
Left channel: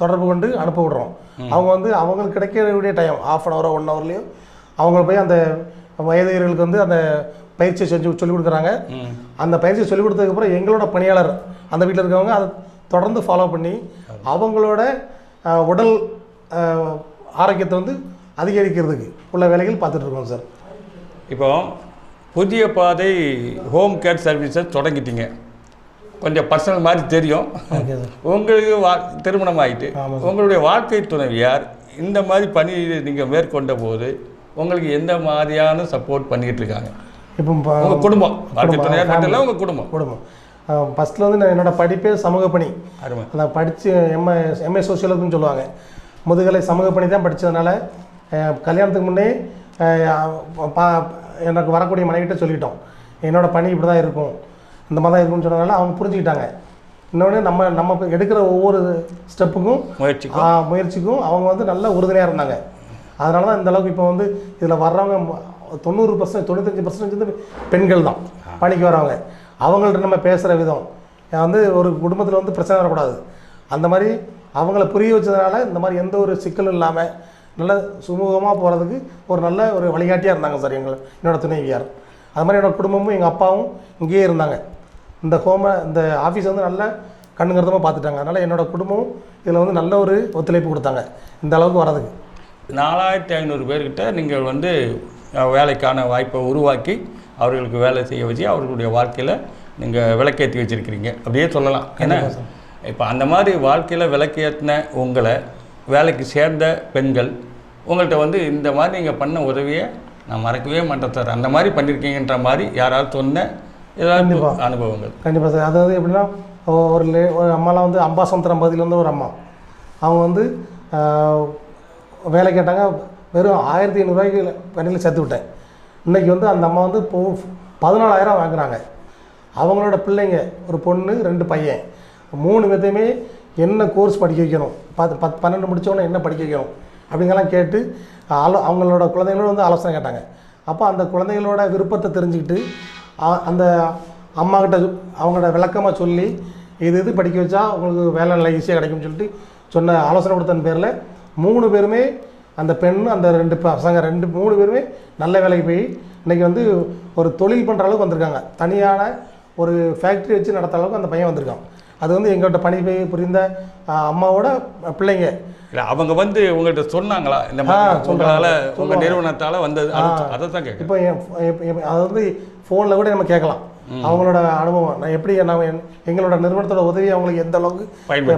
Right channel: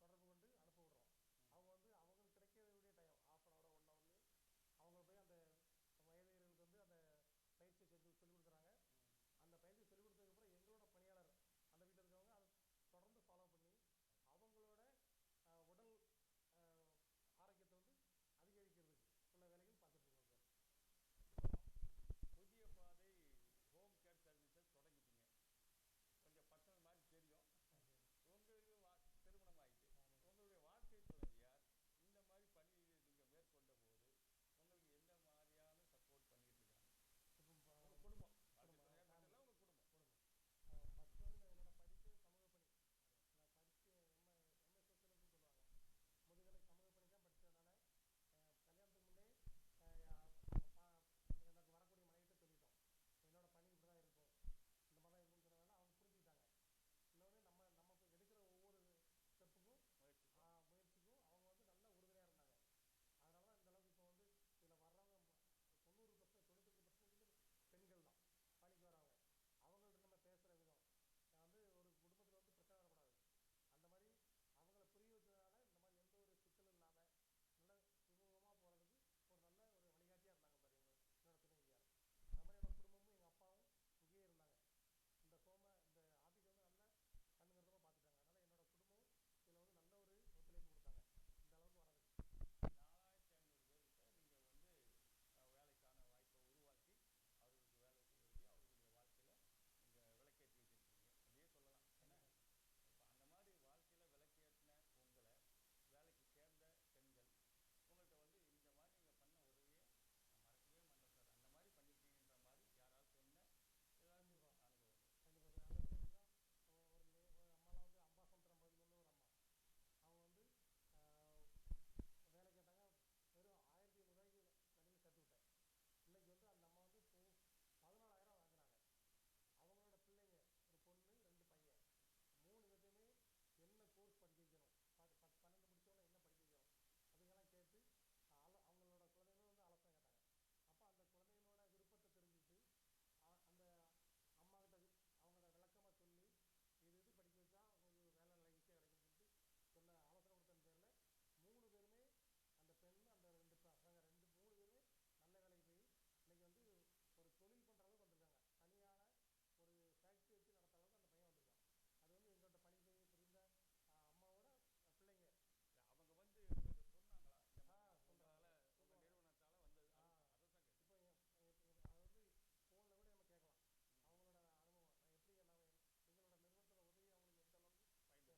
தொடர்பு கொண்டு அனுப்ப விடுறோம். அவங்க வந்து அவங்களுக்கு கிடைக்கக்கூடிய டைம் 1/2 hour 1 hourலையும் அவங்கள போய் அந்த வயதிகர்களுக்கு வந்து அந்த பயிற்சியை சொல்லிக் கொடுக்குறாங்க. அந்த பயிற்சியை சொல்லிக் கொடுத்ததுக்கப்புறம் எங்களோட பணியாளர் அந்த வீட்டில் இருக்கவங்க அதை தொடர்ந்து ஃபாலோ பண்ணி அவங்களோட உடல் ஆரோக்கியத்தை வந்து அதிகரிக்கிறதுக்கு உள்ள வேலைகள் பார்த்துட்டு இருக்கோம் சார். இப்போ புதிய பாதை ஹோம் கேர் சர்வீஸை தொடங்கிட்டீங்க. கொஞ்சம் பர்சனல் மாதிரி தெரியும். உங்களுக்கு திருமணம் ஆகிட்டு உங்களுடைய வாழ்க்கை துணைவியார் இந்த மாதிரி பணி நீங்கள் மேற்கொண்ட போது உங்களுக்கு எந்த மாதிரியான சப்போர்ட் பண்ணிக்கிட்டு இருக்காங்க? இப்போ உங்கள் குடும்பம், வாழ்க்கை துணையார் மட்டும் இல்லை, உங்கள் குடும்பம் ஃபஸ்ட்டில் வந்து நான் என்னோடய படிப்பே சமூக பணி. நான் படித்து எம்ஏ சோசியலஜின்னு சொல்லுவாங்க. முதுகலை சமூக பணி தான் படித்ததுனால கல்யாணத்துக்கு முன்னே எனக்கு வரக்கூடிய மனைவிட்ட சொல்லிட்டோம், என்னோடய பணி இப்படி தான் இருக்கும், இந்த மாதிரி தான் இருக்கும்னு சொன்னதுனால அவங்க புரிஞ்சுக்கிட்டாங்க. இன்னொன்று நம்ம எடுக்கிற ஒவ்வொரு ஸ்டெப்புக்கும் முயற்சிக்கும் அவங்க வந்து நல்ல உறுதுணையாக இருந்தாங்க. அதனால தான் இந்தளவுக்கு இப்போ வந்து இதில் வர்றவங்க 90% 95% வந்து பெண்கள் தான் பணிக்கு வரவங்க. அவங்கள்ட்ட நம்ம பேசுகிற விதம் வந்து ஒரு குடும்பத்தில் வந்து பிரச்சனை வரக்கூடாது. அந்த மாதிரி அவங்கள புரிய வச்சதுனால இந்த மாதிரி எந்த ஒரு சிக்கலும் இல்லாமல் நல்ல சுமூகமாக போகிறதுக்கு ஒரு நல்ல ஒரு வழிகாட்டியாக இருந்தாங்க சார் என்னோடய துணைவியார். அது மாதிரி என்னோடய குடும்பமும் எங்கள் அப்பாவும் இங்கேயே இருந்தாங்க. இந்த ஆஃபீஸ் வந்து நல்ல கண்ணுங்கிறதமாக பார்த்துட்டாங்க. அதனால் என்னோடய குடும்பம் இதில் வந்து நல்ல ஒரு ஒத்துழைப்பு கொடுத்தாங்க இந்த அளவுக்கு வரதுக்கு. 4500 பேர்கிட்ட நீங்கள் வந்து வேலைக்கான வாய்ப்பை உருவாக்கி அவர்களுக்கு வேலை செய்ய வச்சு அவர்களுடைய வாழ்க்கையில் நீங்கள் விளக்கேற்றி வச்சுருக்கிறீங்க அப்படியே சொல்லலாம். ஏன்னா இப்போ அந்த மாதிரி வாழ்க்கையில் விளக்கேற்றின உங்களை வேலைக்கு சேர்ந்த பெண்கள் உங்கள்கிட்ட வந்து இந்த மாதிரி நீங்கள் பண்ண உதவியை நான் மறக்கவே மாட்டேன் சார், அந்த மாதிரி பண்ணியிருக்கீங்கன்ற மாதிரி யாராவது சொன்ன ஏதாவது அனுபவங்கள்? கண்டிப்பாக சார். அதாவது எப்படின்னா ஒரு அம்மாலாம் வந்து அம்பாசமுத்திரம் பகுதியிலேருந்து ஒரு அம்மா, அவங்க வந்து வேலை கேட்டாங்க. வெறும் 1500 பணியில் சேர்த்து விட்டேன். இன்றைக்கி வந்து அந்த அம்மா வந்து 14,000 வாங்குறாங்க. அவங்களோட பிள்ளைங்க ஒரு பொண்ணு 2 பையன், 3 பேர்த்தையுமே என்ன கோர்ஸ் படிக்க வைக்கணும், 12 முடித்தவொன்னே என்ன படிக்க வைக்கணும் அப்படிங்கெல்லாம் கேட்டு அவங்களோட குழந்தைங்களோட வந்து ஆலோசனை கேட்டாங்க. அப்போ அந்த குழந்தைங்களோட விருப்பத்தை தெரிஞ்சுக்கிட்டு அந்த அம்மாக்கிட்ட அவங்களோட விளக்கமாக சொல்லி இது படிக்க வச்சா உங்களுக்கு வேலை நல்லா ஈஸியாக கிடைக்கும்னு சொல்லிட்டு சொன்ன ஆலோசனை கொடுத்தன் பேரில் 3 பேருமே, அந்த பெண் அந்த 2 பசங்க 3 பேருமே நல்ல வேலைக்கு போய் இன்றைக்கி வந்து ஒரு தொழில் பண்ணுற அளவுக்கு வந்திருக்காங்க. தனியான ஒரு ஃபேக்ட்ரி வச்சு நடத்துகிற அளவுக்கு அந்த பையன் வந்திருக்கான். அது வந்து எங்கள்கிட்ட பணி புரிந்த அம்மாவோட பிள்ளைங்க. இல்லை அவங்க வந்து உங்கள்கிட்ட சொன்னாங்களா இந்த மாதிரி உங்களால் உங்கள் நிறுவனத்தால் வந்தது? அதை தான் கேட்க. இப்போ அது வந்து ஃபோனில் கூட நம்ம கேட்கலாம் அவங்களோட அனுபவம். நான் எப்படி எங்களோட நிறுவனத்தோட உதவி அவங்களுக்கு எந்த அளவுக்கு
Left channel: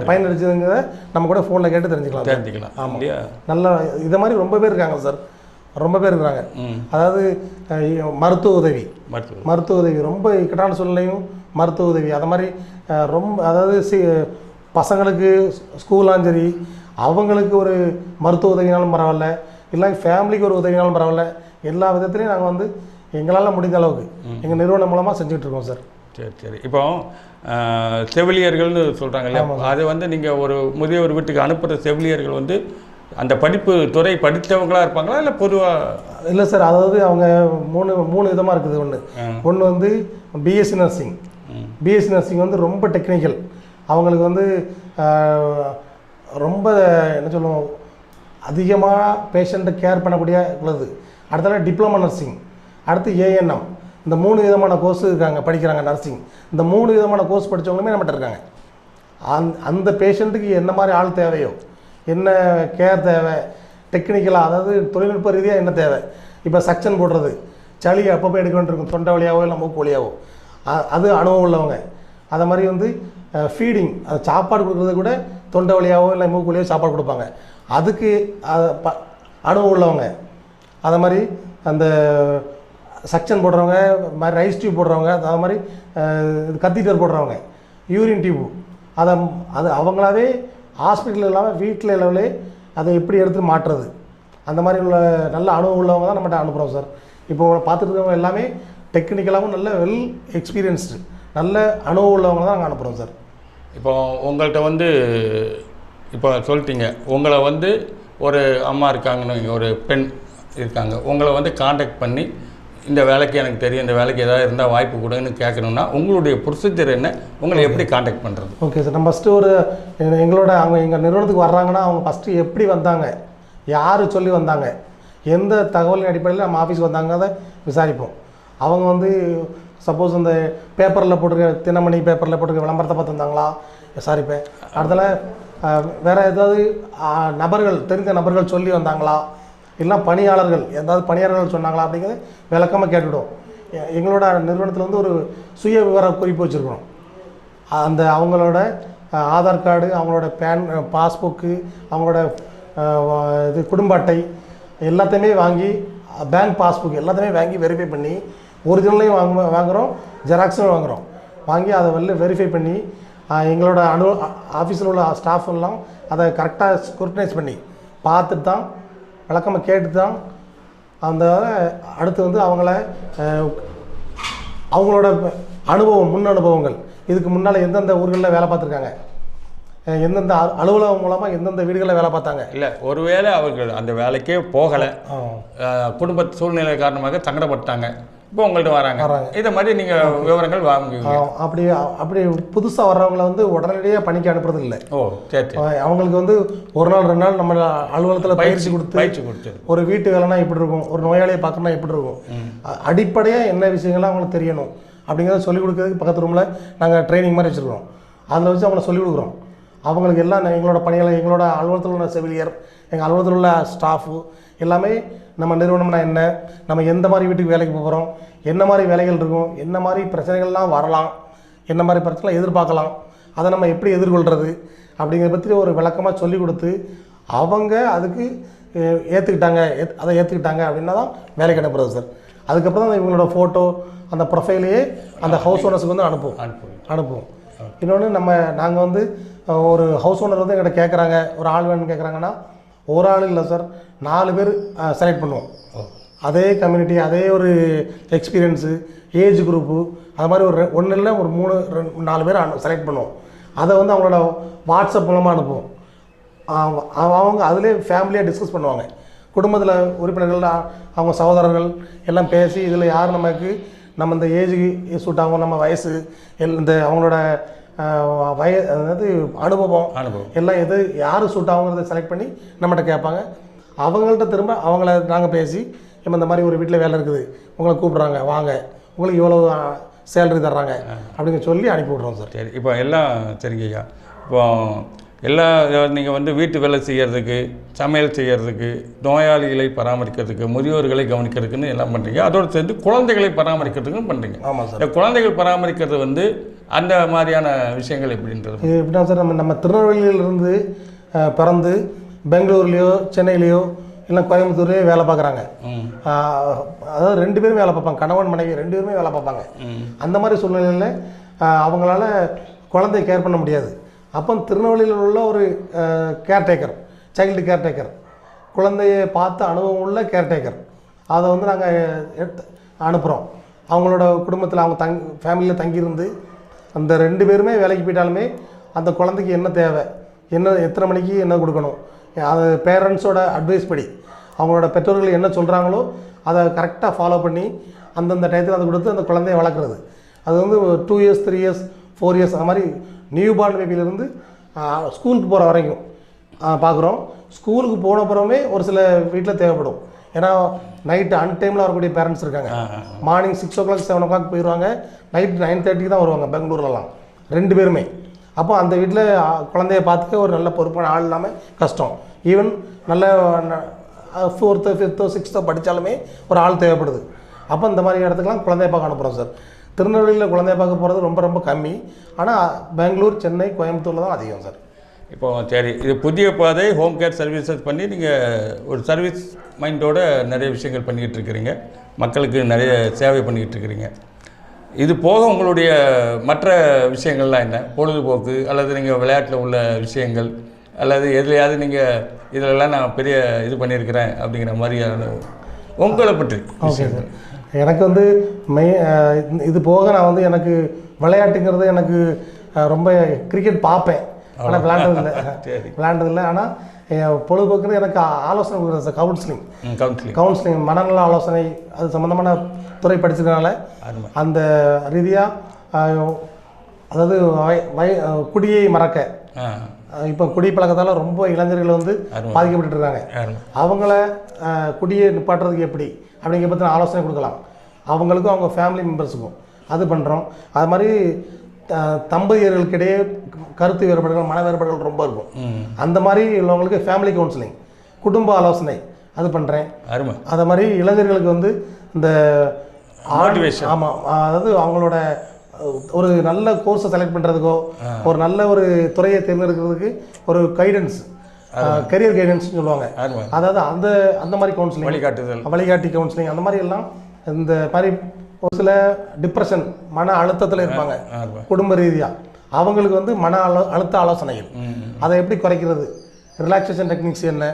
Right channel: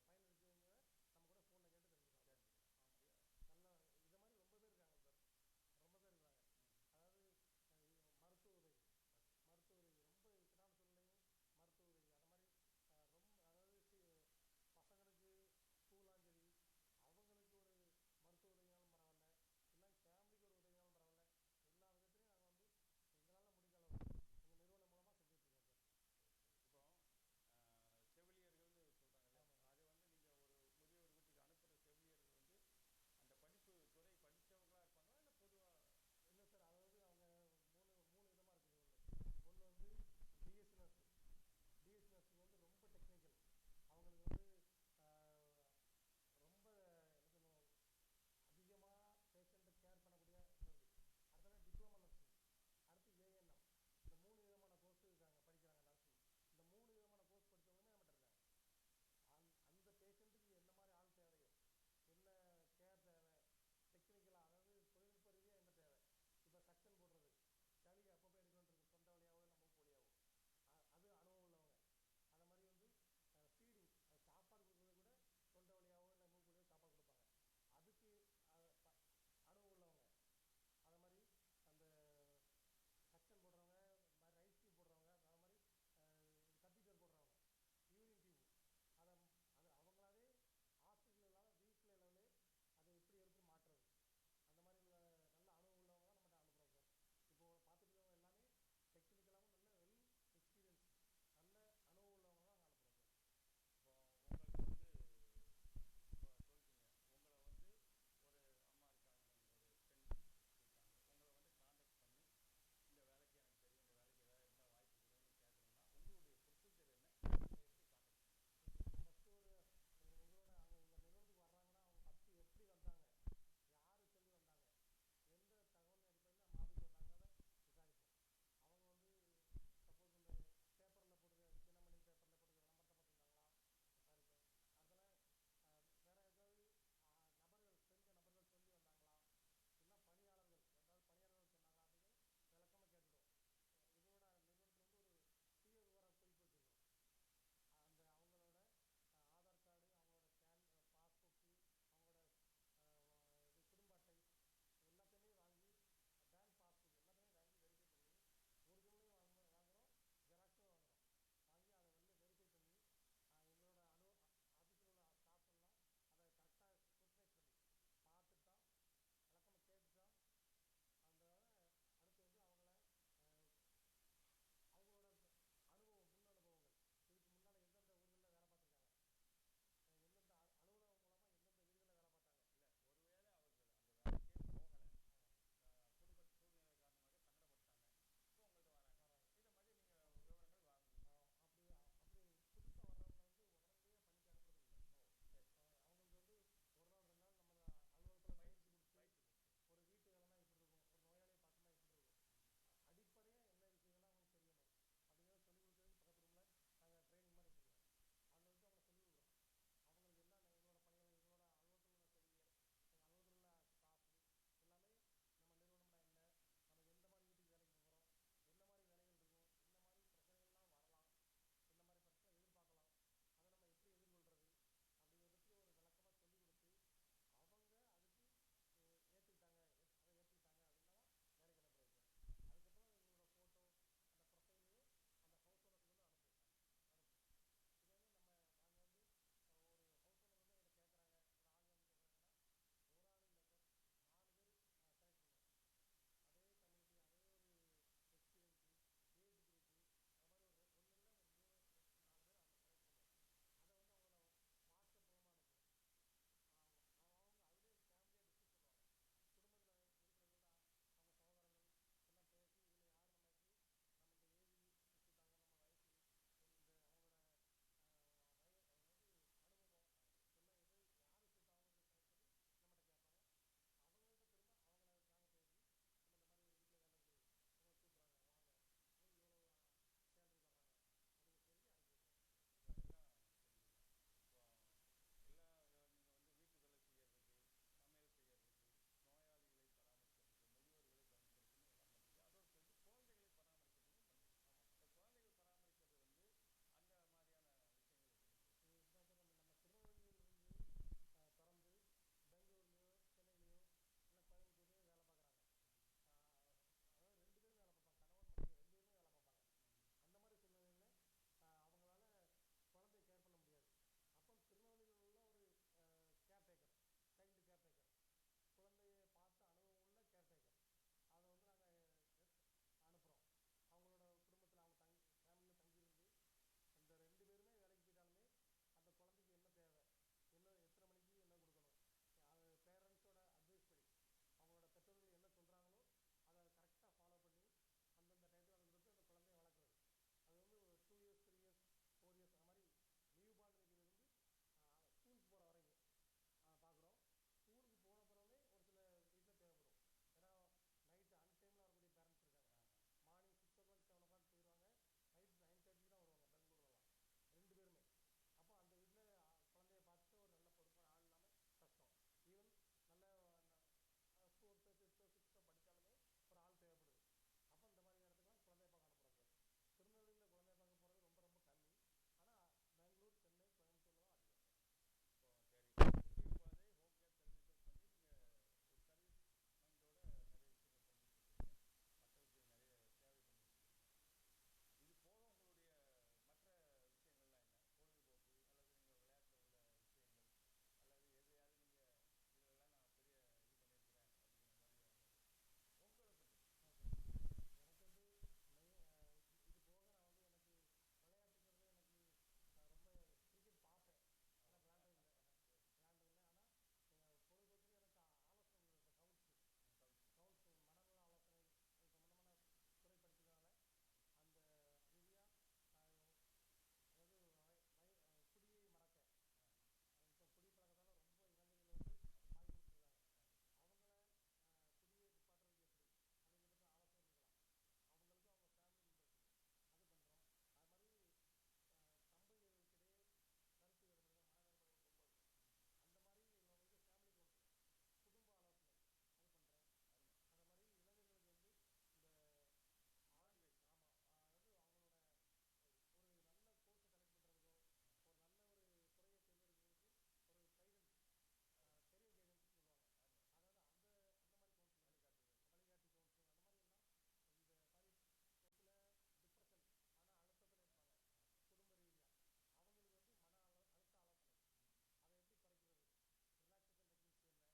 பயனளிச்சதுங்கிறத நம்ம கூட ஃபோனில் கேட்டு தெரிஞ்சுக்கலாம். ஆமாம், நல்லா இதை மாதிரி ரொம்ப பேர் இருக்காங்க சார், ரொம்ப பேர் இருக்கிறாங்க. அதாவது மருத்துவ உதவி ரொம்ப இக்கட்டான சூழ்நிலையும் மருத்துவ உதவி அது மாதிரி ரொம்ப, அதாவது பசங்களுக்கு ஸ்கூலாலும் சரி, அவங்களுக்கு ஒரு மருத்துவ உதவினாலும் பரவாயில்ல, இல்லை ஃபேமிலிக்கு ஒரு உதவினாலும் பரவாயில்ல, எல்லா விதத்துலையும் நாங்கள் வந்து எங்களால் முடிந்த அளவுக்கு எங்கள் நிறுவனம் மூலமாக செஞ்சுட்ருக்கோம் சார். சரி. இப்போ செவிலியர்கள்னு சொல்கிறாங்க இல்லையா, அது வந்து நீங்கள் ஒரு முதியோர் வீட்டுக்கு அனுப்புகிற செவிலியர்கள் வந்து அந்த படிப்பு துறை படித்தவங்களாக இருப்பாங்களா இல்லை பொதுவாக? இல்லை சார், அதாவது அவங்க மூணு விதமாக இருக்குது. ஒன்று வந்து பிஎஸ்சி நர்சிங் வந்து ரொம்ப டெக்னிக்கல், அவங்களுக்கு வந்து ரொம்ப என்ன சொல்லுவோம், அதிகமாக பேஷண்ட்டை கேர் பண்ணக்கூடிய உள்ளது. அடுத்தால டிப்ளமா நர்சிங், அடுத்து ஏஎன்எம். இந்த 3 விதமான கோர்ஸ் இருக்காங்க, படிக்கிறாங்க நர்சிங். இந்த 3 விதமான கோர்ஸ் படித்தவங்களுமே நம்மகிட்ட இருக்காங்க. அந்த பேஷண்ட்டுக்கு என்ன மாதிரி ஆள் தேவையோ, என்ன கேர் தேவை, டெக்னிக்கலாக அதாவது தொழில்நுட்ப ரீதியாக என்ன தேவை, இப்போ சக்ஷன் போடுறது, சளி அப்பப்போ எடுக்க வேண்டியிருக்கும், தொண்டை வழியாவோ இல்லை மூக்கு வழியாவோ, அது அனுபவம் உள்ளவங்க. அதை மாதிரி வந்து ஃபீடிங், அது சாப்பாடு கொடுக்குறது கூட தொண்டை வழியாவோ இல்லை மூக்கு வழியாவோ சாப்பாடு கொடுப்பாங்க, அதுக்கு அனுபவம் உள்ளவங்க. அதை மாதிரி அந்த சக்ஷன் போடுறவங்க, மாதிரி ரைஸ் டியூப் போடுறவங்க, அது மாதிரி கத்தீட்டர் போடுறவங்க, யூரின் டியூப், அது அவங்களாவே ஹாஸ்பிட்டல் இல்லாமல் வீட்டில் லெவலே அதை எப்படி எடுத்து மாட்டுறது, அந்த மாதிரி உள்ள நல்ல அனுபவம் உள்ளவங்க தான் நம்மகிட்ட அனுப்புகிறோம் சார். இப்போ பார்த்துட்டு இருக்கவங்க எல்லாமே டெக்னிக்கலாகவும் நல்ல வெல் எக்ஸ்பீரியன்ஸ்டு நல்ல அனுபவம் உள்ளவங்க தான் நாங்கள் அனுப்புகிறோம் சார். இப்போ உங்கள்கிட்ட வந்து இப்போ சொல்லிட்டீங்க, உங்களை வந்து ஒரு அம்மா இருக்காங்கன்னு, ஒரு பெண் இருக்காங்க, உங்களை வந்து காண்டாக்ட் பண்ணி இந்த வேலைக்கு எனக்கு தெரியும், இந்த வேலைக்கு ஏதாவது இருந்தால் வாய்ப்பு கொடுன்னு கேட்கணுன்னா உங்களுடைய ப்ரொசீஜர் என்ன, உங்களை எப்படி காண்டாக்ட் பண்ணுறது? ஓகே சார், நம்ம ஃபஸ்ட்டு அவங்க எங்கள் நிறுவனத்துக்கு வர்றாங்கன்னா அவங்க ஃபஸ்ட்டு எப்படி வந்தாங்க, யார் சொல்லி வந்தாங்க, எந்த தகவலின் அடிப்படையில் நம்ம ஆஃபீஸ் வந்தாங்க விசாரிப்போம். அவங்க வந்து சப்போஸ் அந்த பேப்பரில் போட்டிருக்க, தினமணி பேப்பரில் போட்டிருக்க விளம்பரத்தை பார்த்து வந்தாங்களா விசாரிப்பேன். அடுத்தல வேறு ஏதாவது தெரிந்த நபர்கள் சொல்லி வந்தாங்களா, இல்லை பணியாளர்கள் ஏதாவது பணியாளர்கள் சொன்னாங்களா அப்படிங்கிறத விளக்கமாக கேட்டுவிடுவோம். எங்களோட நிறுவனத்தில் வந்து ஒரு சுய விவர குறிப்பு வச்சுருக்கோம். அந்த அவங்களோட ஆதார் கார்டு, அவங்களோட பாஸ்புக்கு, அவங்களோட இது குடும்ப அட்டை எல்லாத்தையுமே வாங்கி, பேங்க் பாஸ்புக் எல்லாத்தையுமே வாங்கி வெரிஃபை பண்ணி, ஒரிஜினலையும் வாங்குகிறோம், ஜெராக்ஸும் வாங்குகிறோம். வாங்கி அதை வெரிஃபை பண்ணி எங்களோட ஆஃபீஸில் உள்ள ஸ்டாஃப் எல்லாம் அதை கரெக்டாக ஸ்க்ரூட்டனைஸ் பண்ணி பார்த்துட்டு தான், விளக்கமாக கேட்டு தான் அந்த அடுத்து வந்து அவங்களோட அனுபவம், முன் அனுபவங்கள், இதுக்கு முன்னால் எந்தெந்த ஊர்களில் வேலை பார்த்துருக்காங்க, எந்தெந்த அலுவலகம் மூலமாக எந்தெந்த வீடுகளில் வேலை பார்த்தாங்க, இல்லை ஒருவேளை அவர்கள் அந்த வேலைக்கே போகலை, குடும்ப சூழ்நிலை காரணமாக சங்கடப்பட்டாங்க, இப்போ உங்கள்கிட்ட வராங்க, இதை மாதிரி நீங்கள் விவரங்கள் வாங்குவீங்க. அப்படி புதுசாக வர்றவங்கள வந்து உடனடியாக பணிக்கு அனுப்புறது இல்லை. ஓ சரி. அவங்களுக்கு வந்து 1 நாள் 2 நாள் நம்ம அலுவலகத்தில் பயிற்சி கொடுத்து ஒரு வீட்டு வேலைனா எப்படி இருக்கும், ஒரு நோயாளியை பார்க்கணும்னா எப்படி இருக்கும், அடிப்படையாக என்ன விஷயங்கள்லாம் அவங்களுக்கு தெரியணும் அப்படிங்கிறத சொல்லிக் கொடுக்கறதுக்கு பக்கத்து ரூமில் நாங்கள் ட்ரைனிங் மாதிரி வச்சுருக்கோம். அதில் வச்சு அவங்கள சொல்லிக் கொடுக்குறோம். அவங்களுக்கு எல்லாம் எங்களோட பணிகளை, எங்களோட அலுவலகத்தில் உள்ள செவிலியர், எங்கள் அலுவலகத்தில் உள்ள ஸ்டாஃபு எல்லாமே நம்ம நிறுவனம்னா என்ன, நம்ம எந்த மாதிரி வீட்டுக்கு வேலைக்கு போகிறோம், என்ன மாதிரி வேலைகள் இருக்கும், என்ன மாதிரி பிரச்சனைகள்லாம் வரலாம், என்ன மாதிரி பிரச்சனை எதிர்பார்க்கலாம், அதை நம்ம எப்படி எதிர்கொள்கிறது அப்படிங்கிறத பற்றி ஒரு விளக்கமாக சொல்லி கொடுத்து அவங்க அதுக்கு அதை ஏற்றுக்கிட்டாங்க அப்படின்னா தான் வேலைக்கு அனுப்புறது சார். அதுக்கப்புறம் தான் இவங்களோட ஃபோட்டோ அந்த ப்ரொஃபைலையே அந்த ஹவுஸ் ஓனர்ஸுக்கு வந்து அனுப்புவோம். இன்னொன்று நாங்கள் வந்து ஒரு ஹவுஸ் ஓனர் வந்து எங்கிட்ட கேட்குறாங்க, ஒரு ஆள் வேணும்னு கேட்குறாங்கன்னா ஒரு ஆள் இல்லை சார், 4 பேர் செலக்ட் பண்ணுவோம். அதே கம்யூனிட்டி, அதே ஒரு எக்ஸ்பீரியன்ஸு, ஏஜ் குரூப்பு, அது மாதிரி ஒரு ஒன்று இல்லை ஒரு 3-4 பேர் செலக்ட் பண்ணுவோம். அதை வந்து அவங்களோட வாட்ஸ்அப் மூலமாக அனுப்புவோம். அவங்க அதிலே ஃபேமிலியாக டிஸ்கஸ் பண்ணுவாங்க. குடும்பத்தில் உறுப்பினர்கள், அவங்க சகோதரர்கள் எல்லாம் பேசி இதில் யார் நம்ம இந்த ஏஜுக்கு சூட் ஆகும், நம்ம வயசு இந்த அவங்களோட அதாவது அனுபவம் எல்லாம் யார் சூட் ஆகுங்கிறத செலக்ட் பண்ணி நம்மகிட்ட கேட்பாங்க. அவங்கள்ட்ட திரும்ப அவங்கள நாங்கள் பேசி இப்போ இந்த மாதிரி ஒரு வீட்டில் வேலை இருக்குது, உங்களை கூப்பிட்றாங்க, வாங்க, உங்களுக்கு இவ்வளோ சேலரி தர்றாங்க அப்படிங்க சொல்லி அனுப்பி விட்றோம் சார். சரி, இப்போ எல்லாம் சரிங்க ஐயா. இப்போ எல்லா நீங்கள் வந்து வீட்டு வேலை செய்கிறதுக்கு, சமையல் செய்கிறதுக்கு, நோயாளிகளை பராமரிக்கிறதுக்கு, முதியோர்களை கவனிக்கிறதுக்குன்னு எல்லாம் பண்ணுறீங்க. அதோடு சேர்ந்து குழந்தைகளை பராமரிக்கிறதுக்கும் பண்ணுறீங்க. ஆமாம் சார். இந்த குழந்தைகள் பராமரிக்கிறது வந்து அந்த மாதிரியான விஷயங்கள் எப்படின்றது எப்படின்னா சார், நம்ம திருநெல்வேலியிலிருந்து பிறந்து பெங்களூர்லேயோ சென்னையிலையோ இல்லை கோயம்புத்தூர்லேயோ வேலை பார்க்குறாங்க. அதாவது 2 பேரும் வேலை பார்ப்பாங்க, கணவன் மனைவி 2 பேருமே வேலை பார்ப்பாங்க. அந்த மாதிரி சூழ்நிலையில் அவங்களால குழந்தைய கேர் பண்ண முடியாது. அப்போ திருநெல்வேலியில் உள்ள ஒரு கேர்டேக்கர், சைல்டு கேர்டேக்கர், குழந்தையை பார்த்து அனுபவம் உள்ள கேர்டேக்கர், அதை வந்து நாங்கள் அனுப்புகிறோம். அவங்களோட குடும்பத்தில் அவங்க ஃபேமிலியில் தங்கியிருந்து அந்த 2 பேருமே வேலைக்கு போயிட்டாலுமே அந்த குழந்தைக்கு என்ன தேவை, எத்தனை மணிக்கு என்ன கொடுக்கணும், அது பேரண்ட்ஸோட அட்வைஸ் படி அவங்களோட பெற்றோர்கள் என்ன சொல்கிறாங்களோ அதை கரெக்டாக ஃபாலோ பண்ணி அந்தந்த டயத்தில் அதை கொடுத்து அந்த குழந்தைய வளர்க்குறது. அது வந்து 2 இயர்ஸ் 3 இயர்ஸ் 4 இயர்ஸ் அந்த மாதிரி நியூ பார்ன் பேபியிலேருந்து ஸ்கூலுக்கு போகிற வரைக்கும் பார்க்குறோம். ஸ்கூலுக்கு போன அப்புறமே ஒரு சில வீட்டில் தேவைப்படும். ஏன்னா நைட்டு அன்டைமில் வரக்கூடிய பேரண்ட்ஸ் இருக்காங்க. மார்னிங் 6 o'clock 7 o'clock போயிடுவாங்க, நைட் 9:30 தான் வருவாங்க பெங்களூர்லலாம் 2 பேருமே. அப்போ அந்த வீட்டில் குழந்தைய பார்த்துக்க ஒரு நல்ல பொறுப்பான ஆள் இல்லாமல் கஷ்டம். ஈவன் நல்ல 4th 5th 6th படித்தாலுமே ஒரு ஆள் தேவைப்படுது. அப்போ இந்த மாதிரி இடத்துக்குலாம் குழந்தைய பார்க்க அனுப்புகிறோம் சார். திருநெல்வேலியில் குழந்தைய பார்க்க போகிறது ரொம்ப ரொம்ப கம்மி. ஆனால் பெங்களூர், சென்னை, கோயம்புத்தூரில் தான் அதிகம் சார். இப்போ சரி, இது புதிய பாதை ஹோம் கேர் சர்வீசஸ் பண்ணி நீங்கள் ஒரு சர்வீஸ் மைண்டோடு நிறைய விஷயங்கள் பண்ணிக்கிட்டு இருக்கிறீங்க, மக்களுக்கு நிறைய சேவை பண்ணிக்கிட்டு இருக்கிறீங்க. இது போக உங்களுடைய மற்ற விஷயங்கள்லாம் என்ன? பொழுதுபோக்கு அல்லது நீங்கள் விளையாட்டில் உள்ள விஷயங்கள் அல்லது எதுலையாவது நீங்கள் இதிலெல்லாம் நான் பெரிய இது பண்ணியிருக்கிறேன் அப்படிங்கிற மாதிரியான உங்களை பற்றி? Okay sir. எனக்கு வந்து இது போக நான் வந்து எனக்கு விளையாட்டுங்கிறது எனக்கு ரொம்ப கிரிக்கெட் பார்ப்பேன், ஆனால் விளையாண்டதில்லை. ஆனால் பொழுதுபோக்குன்னு எனக்கு ஆலோசனை கொடுக்குறது சார். கவுன்சிலிங் மனநல ஆலோசனை, அது சம்மந்தமான துறை படிச்சதுனால அந்த ரீதியாக அதாவது குடியை மறக்க, இப்போ குடி பழக்கத்தால் ரொம்ப இளைஞர்கள் வந்து பாதிக்கப்பட்டு இருக்காங்க. அவங்கள குடியை நிப்பாட்டுறதுக்கு எப்படி அப்படிங்கிற பற்றி ஆலோசனை கொடுக்கலாம், அவங்களுக்கும் அவங்க ஃபேமிலி மெம்பர்ஸுக்கும். அது பண்ணுறோம். அது மாதிரி தம்பதியர்களுக்கிடையே கருத்து வேறுபாடுகள், மன வேறுபாடுகள் ரொம்ப இருக்கும். அந்த மாதிரி உள்ளவங்களுக்கு ஃபேமிலி கவுன்சிலிங், குடும்ப ஆலோசனை அது பண்ணுறேன். அது மாதிரி இளைஞர்களுக்கு வந்து இந்த மோட்டிவேஷன், ஆமாம், அதாவது அவங்களோட ஒரு நல்ல கோர்ஸை செலக்ட் பண்ணுறதுக்கோ, ஒரு நல்ல ஒரு துறையை தேர்ந்தெடுக்கிறதுக்கு ஒரு கைடன்ஸ், கரியர் கைடன்ஸ்னு சொல்லுவாங்க. அதாவது அந்த மாதிரி கவுன்சிலிங், வழிகாட்டி கவுன்சிலிங், அந்த மாதிரி எல்லாம். இந்த மாதிரி ஒரு சில டிப்ரெஷன், மன அழுத்தத்தில் இருப்பாங்க குடும்ப ரீதியாக, அவங்களுக்கு வந்து மன அழுத்த ஆலோசனைகள், அதை எப்படி குறைக்கிறது, ரிலாக்ஸேஷன் டெக்னிக்ஸ் என்ன,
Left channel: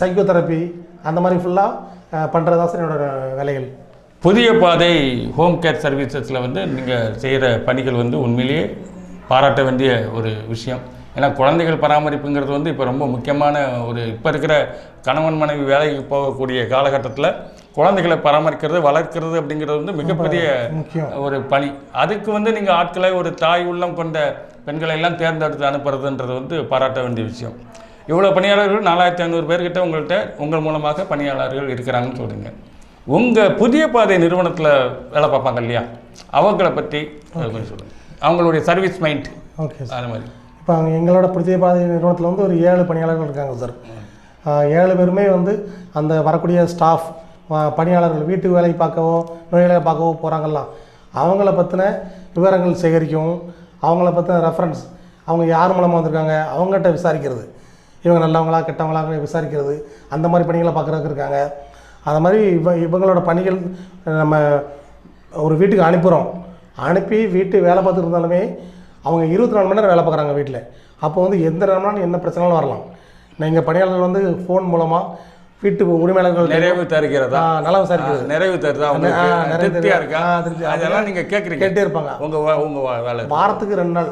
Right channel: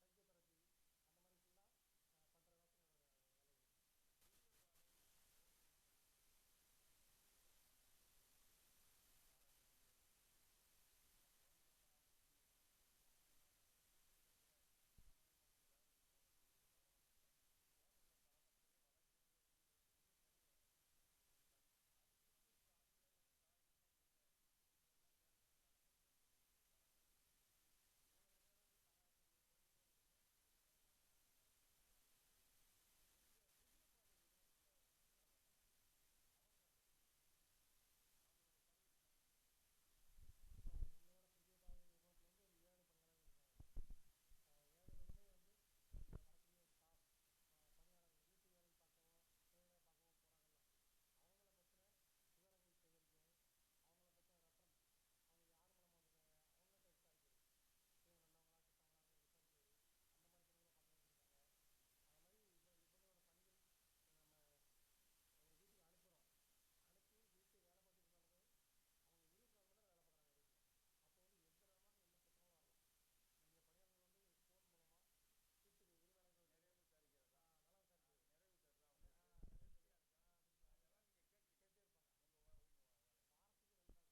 சைக்கோதெரப்பி, அந்த மாதிரி ஃபுல்லாக பண்ணுறதா சார் என்னோட வேலைகள். புதிய பாதை ஹோம் கேர் சர்வீசஸில் வந்து நீங்கள் செய்கிற பணிகள் வந்து உண்மையிலேயே பாராட்ட வேண்டிய ஒரு விஷயம். ஏன்னா குழந்தைகள் பராமரிப்புங்கிறது வந்து இப்போ ரொம்ப முக்கியமான இப்போ இருக்கிற கணவன் மனைவி வேலைக்கு போகக்கூடிய காலகட்டத்தில் குழந்தைகளை பராமரிக்கிறது, வளர்க்கிறது அப்படிங்கிறது வந்து மிகப்பெரிய ஒரு பணி. அதுக்கு வந்து நீங்கள் ஆட்களை, ஒரு தாய் உள்ளம் கொண்ட பெண்களை எல்லாம் தேர்ந்தெடுத்து அனுப்புறதுன்றது வந்து பாராட்ட வேண்டிய விஷயம். இவ்வளோ பணியாளர்கள் 4500 பேர்கிட்ட உங்கள் மூலமாக பணியாளர்கள் இருக்கிறாங்கன்னு சொல்லுங்க. உங்கள் புதிய பாதை நிறுவனத்தில் வேலை பார்ப்பாங்க இல்லையா, அவங்கள பற்றி கொஞ்சம் சொல்லுங்கள். அவங்களுடைய சர்வீஸ் மைண்ட். Okay sir. அது மாதிரி இப்போ எங்களோட புதிய பாதை நிறுவனத்தில் வந்து ஒரு 7 பணியாளர்கள் இருக்காங்க சார். 7 பேருமே வந்து அந்த வரக்கூடிய ஸ்டாஃப் பணியாளர்கள் வீட்டு வேலை பார்க்கவோ நோயாளிகளை பார்க்கவோ போகிறாங்கலாம், அவங்கள பற்றின விவரங்கள் சேகரிக்கவும், அவங்கள பற்றின ரெஃபரன்ஸ், அவங்க யார் மூலமாக வந்திருக்காங்க அவங்ககிட்ட விசாரிக்கிறது, இவங்க நல்லவங்களா கெட்டவங்களா விசாரிக்கிறது, அந்த மாதிரி பணிகளை பார்க்குறதுக்கு இருக்காங்க. அது மாதிரி இவங்களோட பணிகள் நம்ம ஒரு வீட்டுக்கு அனுப்புகிறோம், அனுப்பி வீட்டு வேலை பார்த்துட்டு இருந்தாலுமே அவங்க 24 மணி நேரம் வேலை பார்க்குறாங்க வீட்டில். அப்போ வந்து எந்த நேரம்னாலும் என்ன பிரச்சனையும் வரலாம். நீங்கள் பணியாளர்கள் வந்து ஃபோன் மூலமாக வீட்டு உரிமையாளர்கள் நிறைவு தருகிறதா, நல்லா விசாரிக்கிறது, நிறைவு தருதா, திருப்தியாக இருக்கா, அதெல்லாம் நீங்கள் கேட்டே இருப்பாங்க. உங்கள் வேலை வாரத்துக்கு 2 நாள்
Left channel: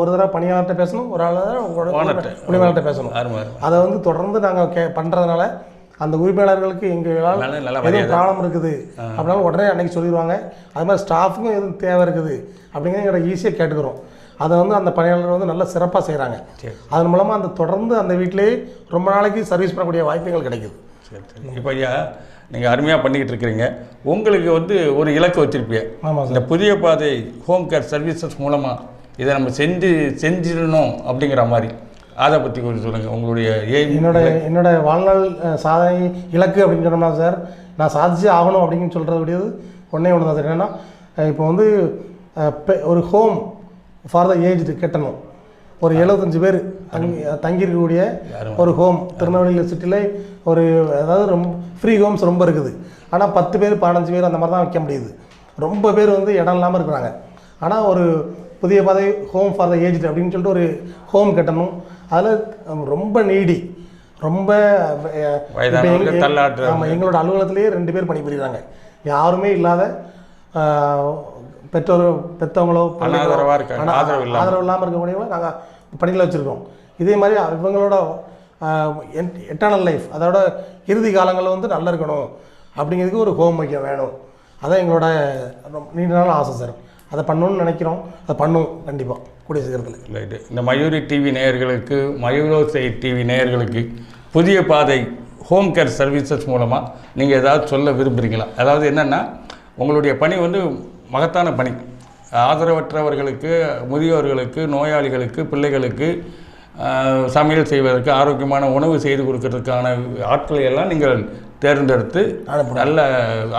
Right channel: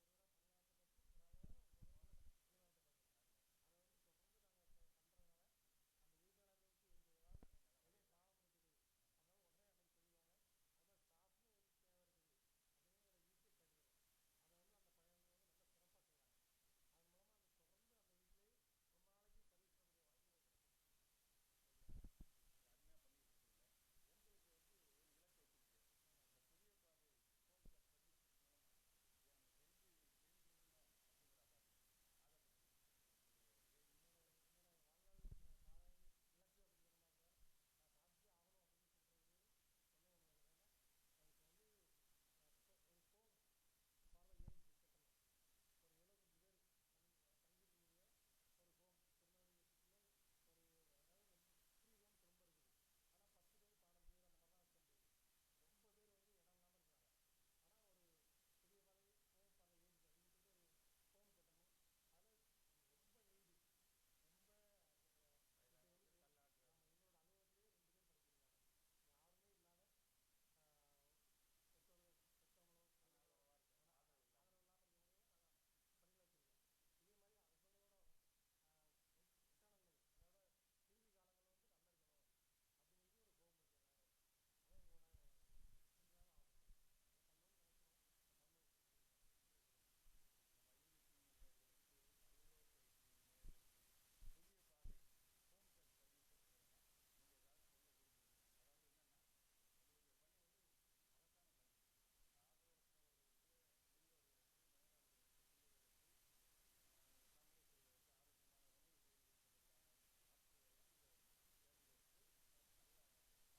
ஒரு தடவை பணியாளர்கிட்ட பேசணும், ஒரு ஆள் உரிமையாளர்கிட்ட பேசணும். அதை வந்து தொடர்ந்து நாங்கள் பண்ணுறதுனால அந்த உரிமையாளர்களுக்கு எங்களால் எதுவும் ப்ராப்ளம் இருக்குது அப்படின்னாலும் உடனே அன்றைக்கி சொல்லிடுவாங்க. அது மாதிரி ஸ்டாஃபுக்கும் எதுவும் தேவை இருக்குது அப்படிங்கிறத ஈஸியாக கேட்டுக்கிறோம். அதை வந்து அந்த பணியாளர்கள் வந்து நல்லா சிறப்பாக செய்கிறாங்க. அதன் மூலமாக அந்த தொடர்ந்து அந்த வீட்டிலேயே ரொம்ப நாளைக்கு சர்வீஸ் பண்ணக்கூடிய வாய்ப்புகள் கிடைக்குது. சரி. இப்போ ஐயா நீங்கள் அருமையாக பண்ணிக்கிட்டு இருக்கிறீங்க. உங்களுக்கு வந்து ஒரு இலக்கு வச்சுருப்பீங்க. ஆமாம். இந்த புதிய பாதை ஹோம் கேர் சர்வீசஸ் மூலமாக இதை நம்ம செஞ்சிடணும் அப்படிங்கிற மாதிரி, அதை பற்றி கொஞ்சம் சொல்லுங்கள். உங்களுடைய என்னோட வாழ்நாள் சாதனை இலக்கு அப்படின்னு சொன்னோம்னா சார், நான் சாதிச்சு ஆகணும் அப்படின்னு சொல்கிறக்கூடியது ஒன்றே ஒன்று தான் சார். என்னென்னா இப்போ வந்து ஒரு ஹோம் ஃபார் த ஏஜ்டு கட்டணும். ஒரு 75 பேர் தங்கியிருக்கக்கூடிய ஒரு ஹோம் திருநெல்வேலி சிட்டியில் ஒரு, அதாவது ரொம்ப ஃப்ரீ ஹோம்ஸ் ரொம்ப இருக்குது. ஆனால் 10 பேர் 15 பேர் அந்த மாதிரி தான் வைக்க முடியுது. ரொம்ப பேர் வந்து இடம் இல்லாமல் இருக்கிறாங்க. ஆனால் ஒரு புதிய பாதை ஹோம் ஃபார் த ஏஜ்டு அப்படின்னு சொல்லிட்டு ஒரு ஹோம் கட்டணும். அதில் ரொம்ப நீடி, ரொம்ப ஆமாம், எங்களோட அலுவலகத்திலேயே 2 பேர் பணிபுரிகிறாங்க. யாருமே இல்லாத பெற்றவங்களோ ஆதரவு இல்லாமல் இருக்கக்கூடியவங்களோ நாங்கள் பணிகளை வச்சுருக்கோம். இதே மாதிரி இவங்களோட எட்டர்னல் லைஃப், அதோட இறுதி காலங்களில் வந்து நல்லா இருக்கணும் அப்படிங்கிறதுக்கு ஒரு ஹோம் வைக்க வேணும். அதான் எங்களோட நீண்ட நாள் ஆசை சார். அதை பண்ணணும்னு நினைக்கிறோம், அதை பண்ணுவோம் கண்டிப்பாக கூடிய சீக்கிரத்தில். ரைட்டு. இந்த மயூரி டிவி நேயர்களுக்கு, மயூரோசை டிவி நேயர்களுக்கு புதிய பாதை ஹோம் கேர் சர்வீசஸ் மூலமாக நீங்கள் ஏதாவது சொல்ல விரும்புகிறீங்களா? அதாவது என்னென்னா, உங்களுடைய பணி வந்து மகத்தான பணி. ஆதரவற்றவர்களுக்கு, முதியோர்களுக்கு, நோயாளிகளுக்கு, பிள்ளைகளுக்கு சமையல் செய்வதற்கு, ஆரோக்கியமான உணவு செய்து கொடுக்கறதுக்கான ஆட்களை எல்லாம் நீங்கள் தேர்ந்தெடுத்து நல்ல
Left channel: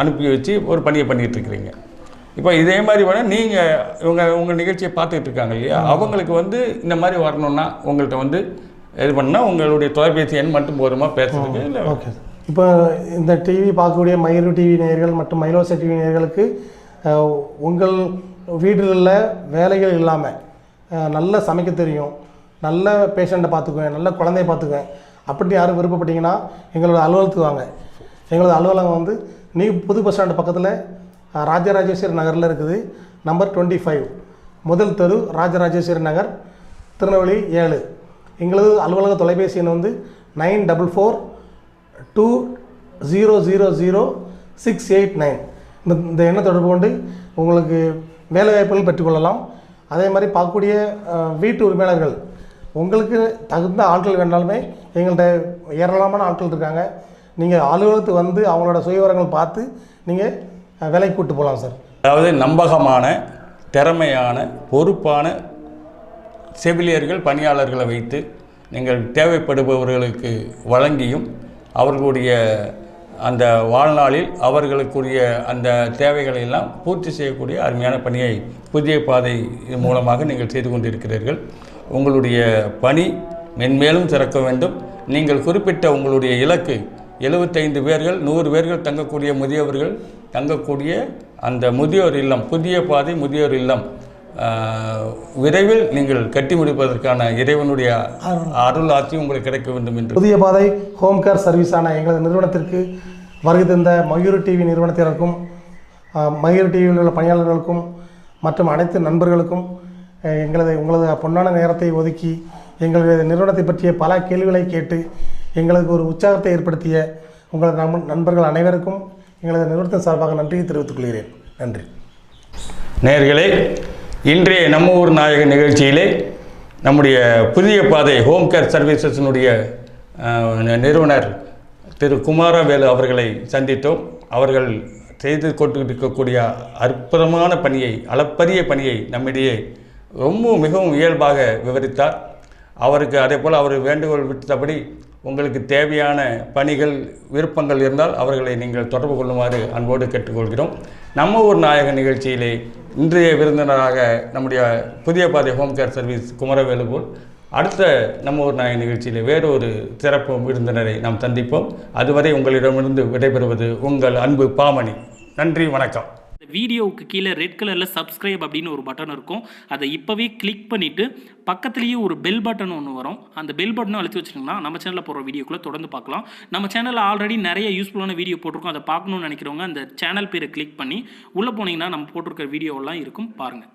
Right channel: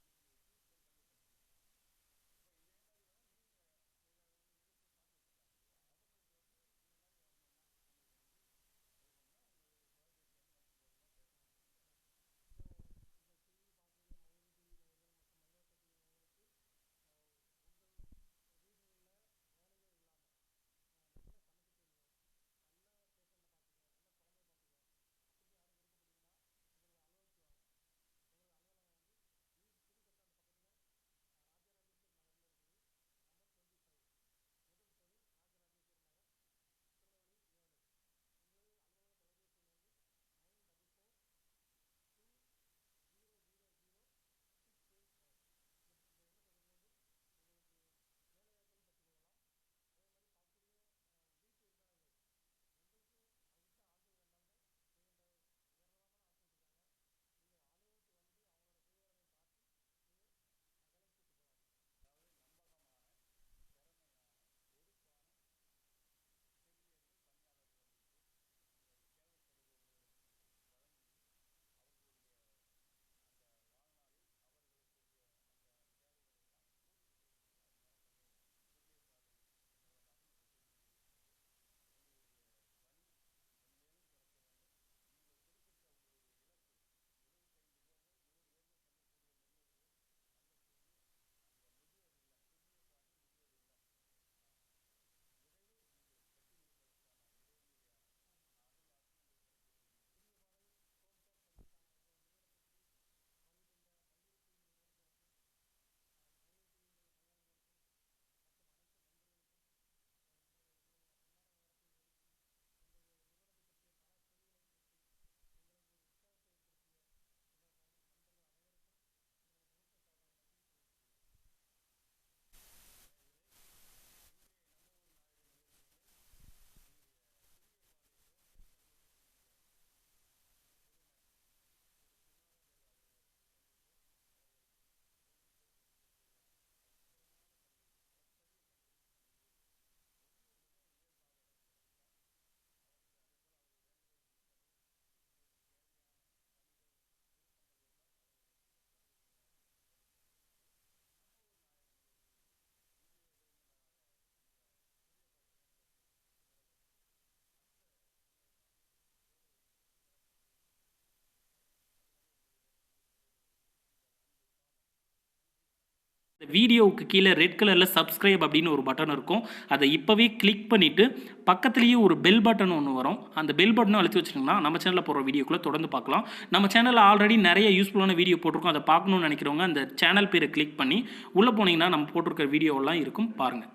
அனுப்பி வச்சு ஒரு பணியை பண்ணிகிட்ருக்கிறீங்க. இப்போ இதே மாதிரி வேணால் நீங்கள் உங்கள் நிகழ்ச்சியை பார்த்துக்கிட்டு இருக்காங்க இல்லையா, அவங்களுக்கு வந்து இந்த மாதிரி வரணுன்னா உங்கள்கிட்ட வந்து இது பண்ணால் உங்களுடைய தொலைபேசி எண் மட்டும் போதுமா பேசுறதுக்கு? இல்லை. ஓகே. இப்போ இந்த டிவி பார்க்கக்கூடிய மயூரு டிவி நேயர்கள் மற்றும் மயிலோசை டிவி நேயர்களுக்கு உங்கள் வீடுகளில் வேலைகள் இல்லாமல் நல்ல சமைக்க தெரியும், நல்ல பேஷண்ட்டை பார்த்துக்குவேன், நல்ல குழந்தைய பார்த்துக்குவேன் அப்படி யாரும் விருப்பப்பட்டீங்கன்னா எங்களோட அலுவலகத்துக்கு வாங்க. எங்களோட அலுவலகம் வந்து புது பஸ் ஸ்டாண்டு பக்கத்தில் ராஜராஜேஸ்வரி நகரில் இருக்குது. நம்பர் 25, முதல் தெரு, ராஜராஜேஸ்வரி நகர், திருநெல்வேலி 7. எங்களது அலுவலக தொலைபேசி எண் வந்து 9422000689. இந்த எண்ணை தொடர்பு கொண்டு உங்களுக்கு வேலைவாய்ப்புகள் பெற்றுக்கொள்ளலாம். அதே மாதிரி பார்க்கக்கூடிய வீட்டு உரிமையாளர்கள், உங்களுக்கு தகுந்த ஆட்கள் வேணாலுமே எங்கள்கிட்ட ஏராளமான ஆட்கள் இருக்காங்க. நீங்கள் அலுவலகத்துக்கு வந்து அவங்களோட சுயவிவரங்கள் பார்த்து நீங்கள் வேலைக்கு கூப்பிட்டு போகலாம் சார். அதாவது நம்பகமான, திறமையான, பொறுப்பான செவிலியர்கள், பணியாளர்களை வைத்து நீங்கள் தேவைப்படுபவர்களுக்கு வழங்கியும் அவர்களுடைய அந்த வாழ்நாளில் அவர்களுக்குரிய அந்த தேவைகளை எல்லாம் பூர்த்தி செய்யக்கூடிய அருமையான பணியை புதிய பாதை மூலமாக நீங்கள் செய்து கொண்டிருக்கிறீர்கள். உங்களுடைய பணி மென்மேலும் சிறக்க வேண்டும். நீங்கள் குறிப்பிட்ட உங்களுடைய இலக்கு 75 பேர்கள், 100 பேர்கள் தங்கக்கூடிய முதியவர்கள் தங்கக்கூடிய அந்த முதியோர் இல்லம், புதிய பாதை முதியோர் இல்லம் விரைவில் நீங்கள் கட்டி முடிப்பதற்கான இறைவனுடைய அருள் ஆட்சி உங்களுக்கு கிடைக்க வேண்டும் என்று. புதிய பாதை ஹோம் கேர் சர்வீஸான எங்களது நிறுவனத்திற்கு வருகை தந்த மயூரு டிவி நிறுவனத்தினருக்கும், மயூரு டிவியில் உள்ள பணியாளர்களுக்கும் மற்றும் அனைத்து நண்பர்களுக்கும் உங்களது பொன்னான நேரத்தை ஒதுக்கி எங்களது நிறுவனத்தை பற்றிய பல கேள்விகளை கேட்டு எங்களுக்கு ஒரு உற்சாகத்தை ஏற்படுத்திய உங்களது நண்பர்கள் அனைவருக்கும் எங்களது நிறுவனத்தின் சார்பாக நன்றியை தெரிவித்துக் கொள்கிறேன். நன்றி. நேயர்களே, இன்றைய நம்ம ஊர் நாயக நிகழ்ச்சியிலே நம்முடைய புதிய பாதை ஹோம் கேர் சர்வீசஸினுடைய நிறுவனர் திரு குமாரவேலு அவர்களை சந்தித்தோம். அவர்கள் செய்து கொண்டு இருக்கக்கூடிய அற்புதமான பணியை, அளப்பரிய பணியை நம்மிடையே மிகவும் இயல்பாக விவரித்தார். அவருக்கு அதேபோல் அவர் வேண்டுகோள் விட்டபடி உங்களுக்கு தேவையான பணிகள், விருப்பங்கள் இருந்தால் அவர்களை நீங்கள் தொடர்பு கொள்ளுமாறு அன்போடு கேட்டுக்கொள்கிறோம். நம்ம ஊர் நாயகன் நிகழ்ச்சியிலே இன்றைய விருந்தினராக நம்முடைய புதிய பாதை ஹோம் கேர் சர்வீஸ் குமரவேலு போல் அடுத்த நம்ம ஊர் நாயகன் நிகழ்ச்சியிலே வேறு ஒரு சிறப்பு விருந்தினரை நாம் சந்திப்போம். அதுவரை உங்களிடமிருந்து விடைபெறுவது உங்கள் அன்பு பாமணி. நன்றி, வணக்கம். இந்த வீடியோவுக்கு கீழே ரெட் கலரில் சப்ஸ்கிரைப் அப்படின்னு ஒரு பட்டன் இருக்கும். அதை இப்போவே கிளிக் பண்ணிவிட்டு பக்கத்துலேயே ஒரு பெல் பட்டன் ஒன்று வரும். அந்த பெல் பட்டனும் அழுத்தி வச்சிட்டிங்கன்னா நம்ம சேனலில் போகிற வீடியோக்குள்ளே தொடர்ந்து பார்க்கலாம். நம்ம சேனலில் ஆல்ரெடி நிறைய யூஸ்ஃபுல்லான வீடியோ போட்டிருக்கோம். அதை பார்க்கணுன்னு நினைக்கிறவங்க அந்த சேனல் பேரை கிளிக் பண்ணி உள்ளே போனீங்கன்னா நம்ம போட்டிருக்கிற வீடியோவெல்லாம் இருக்கும், பாருங்கள்.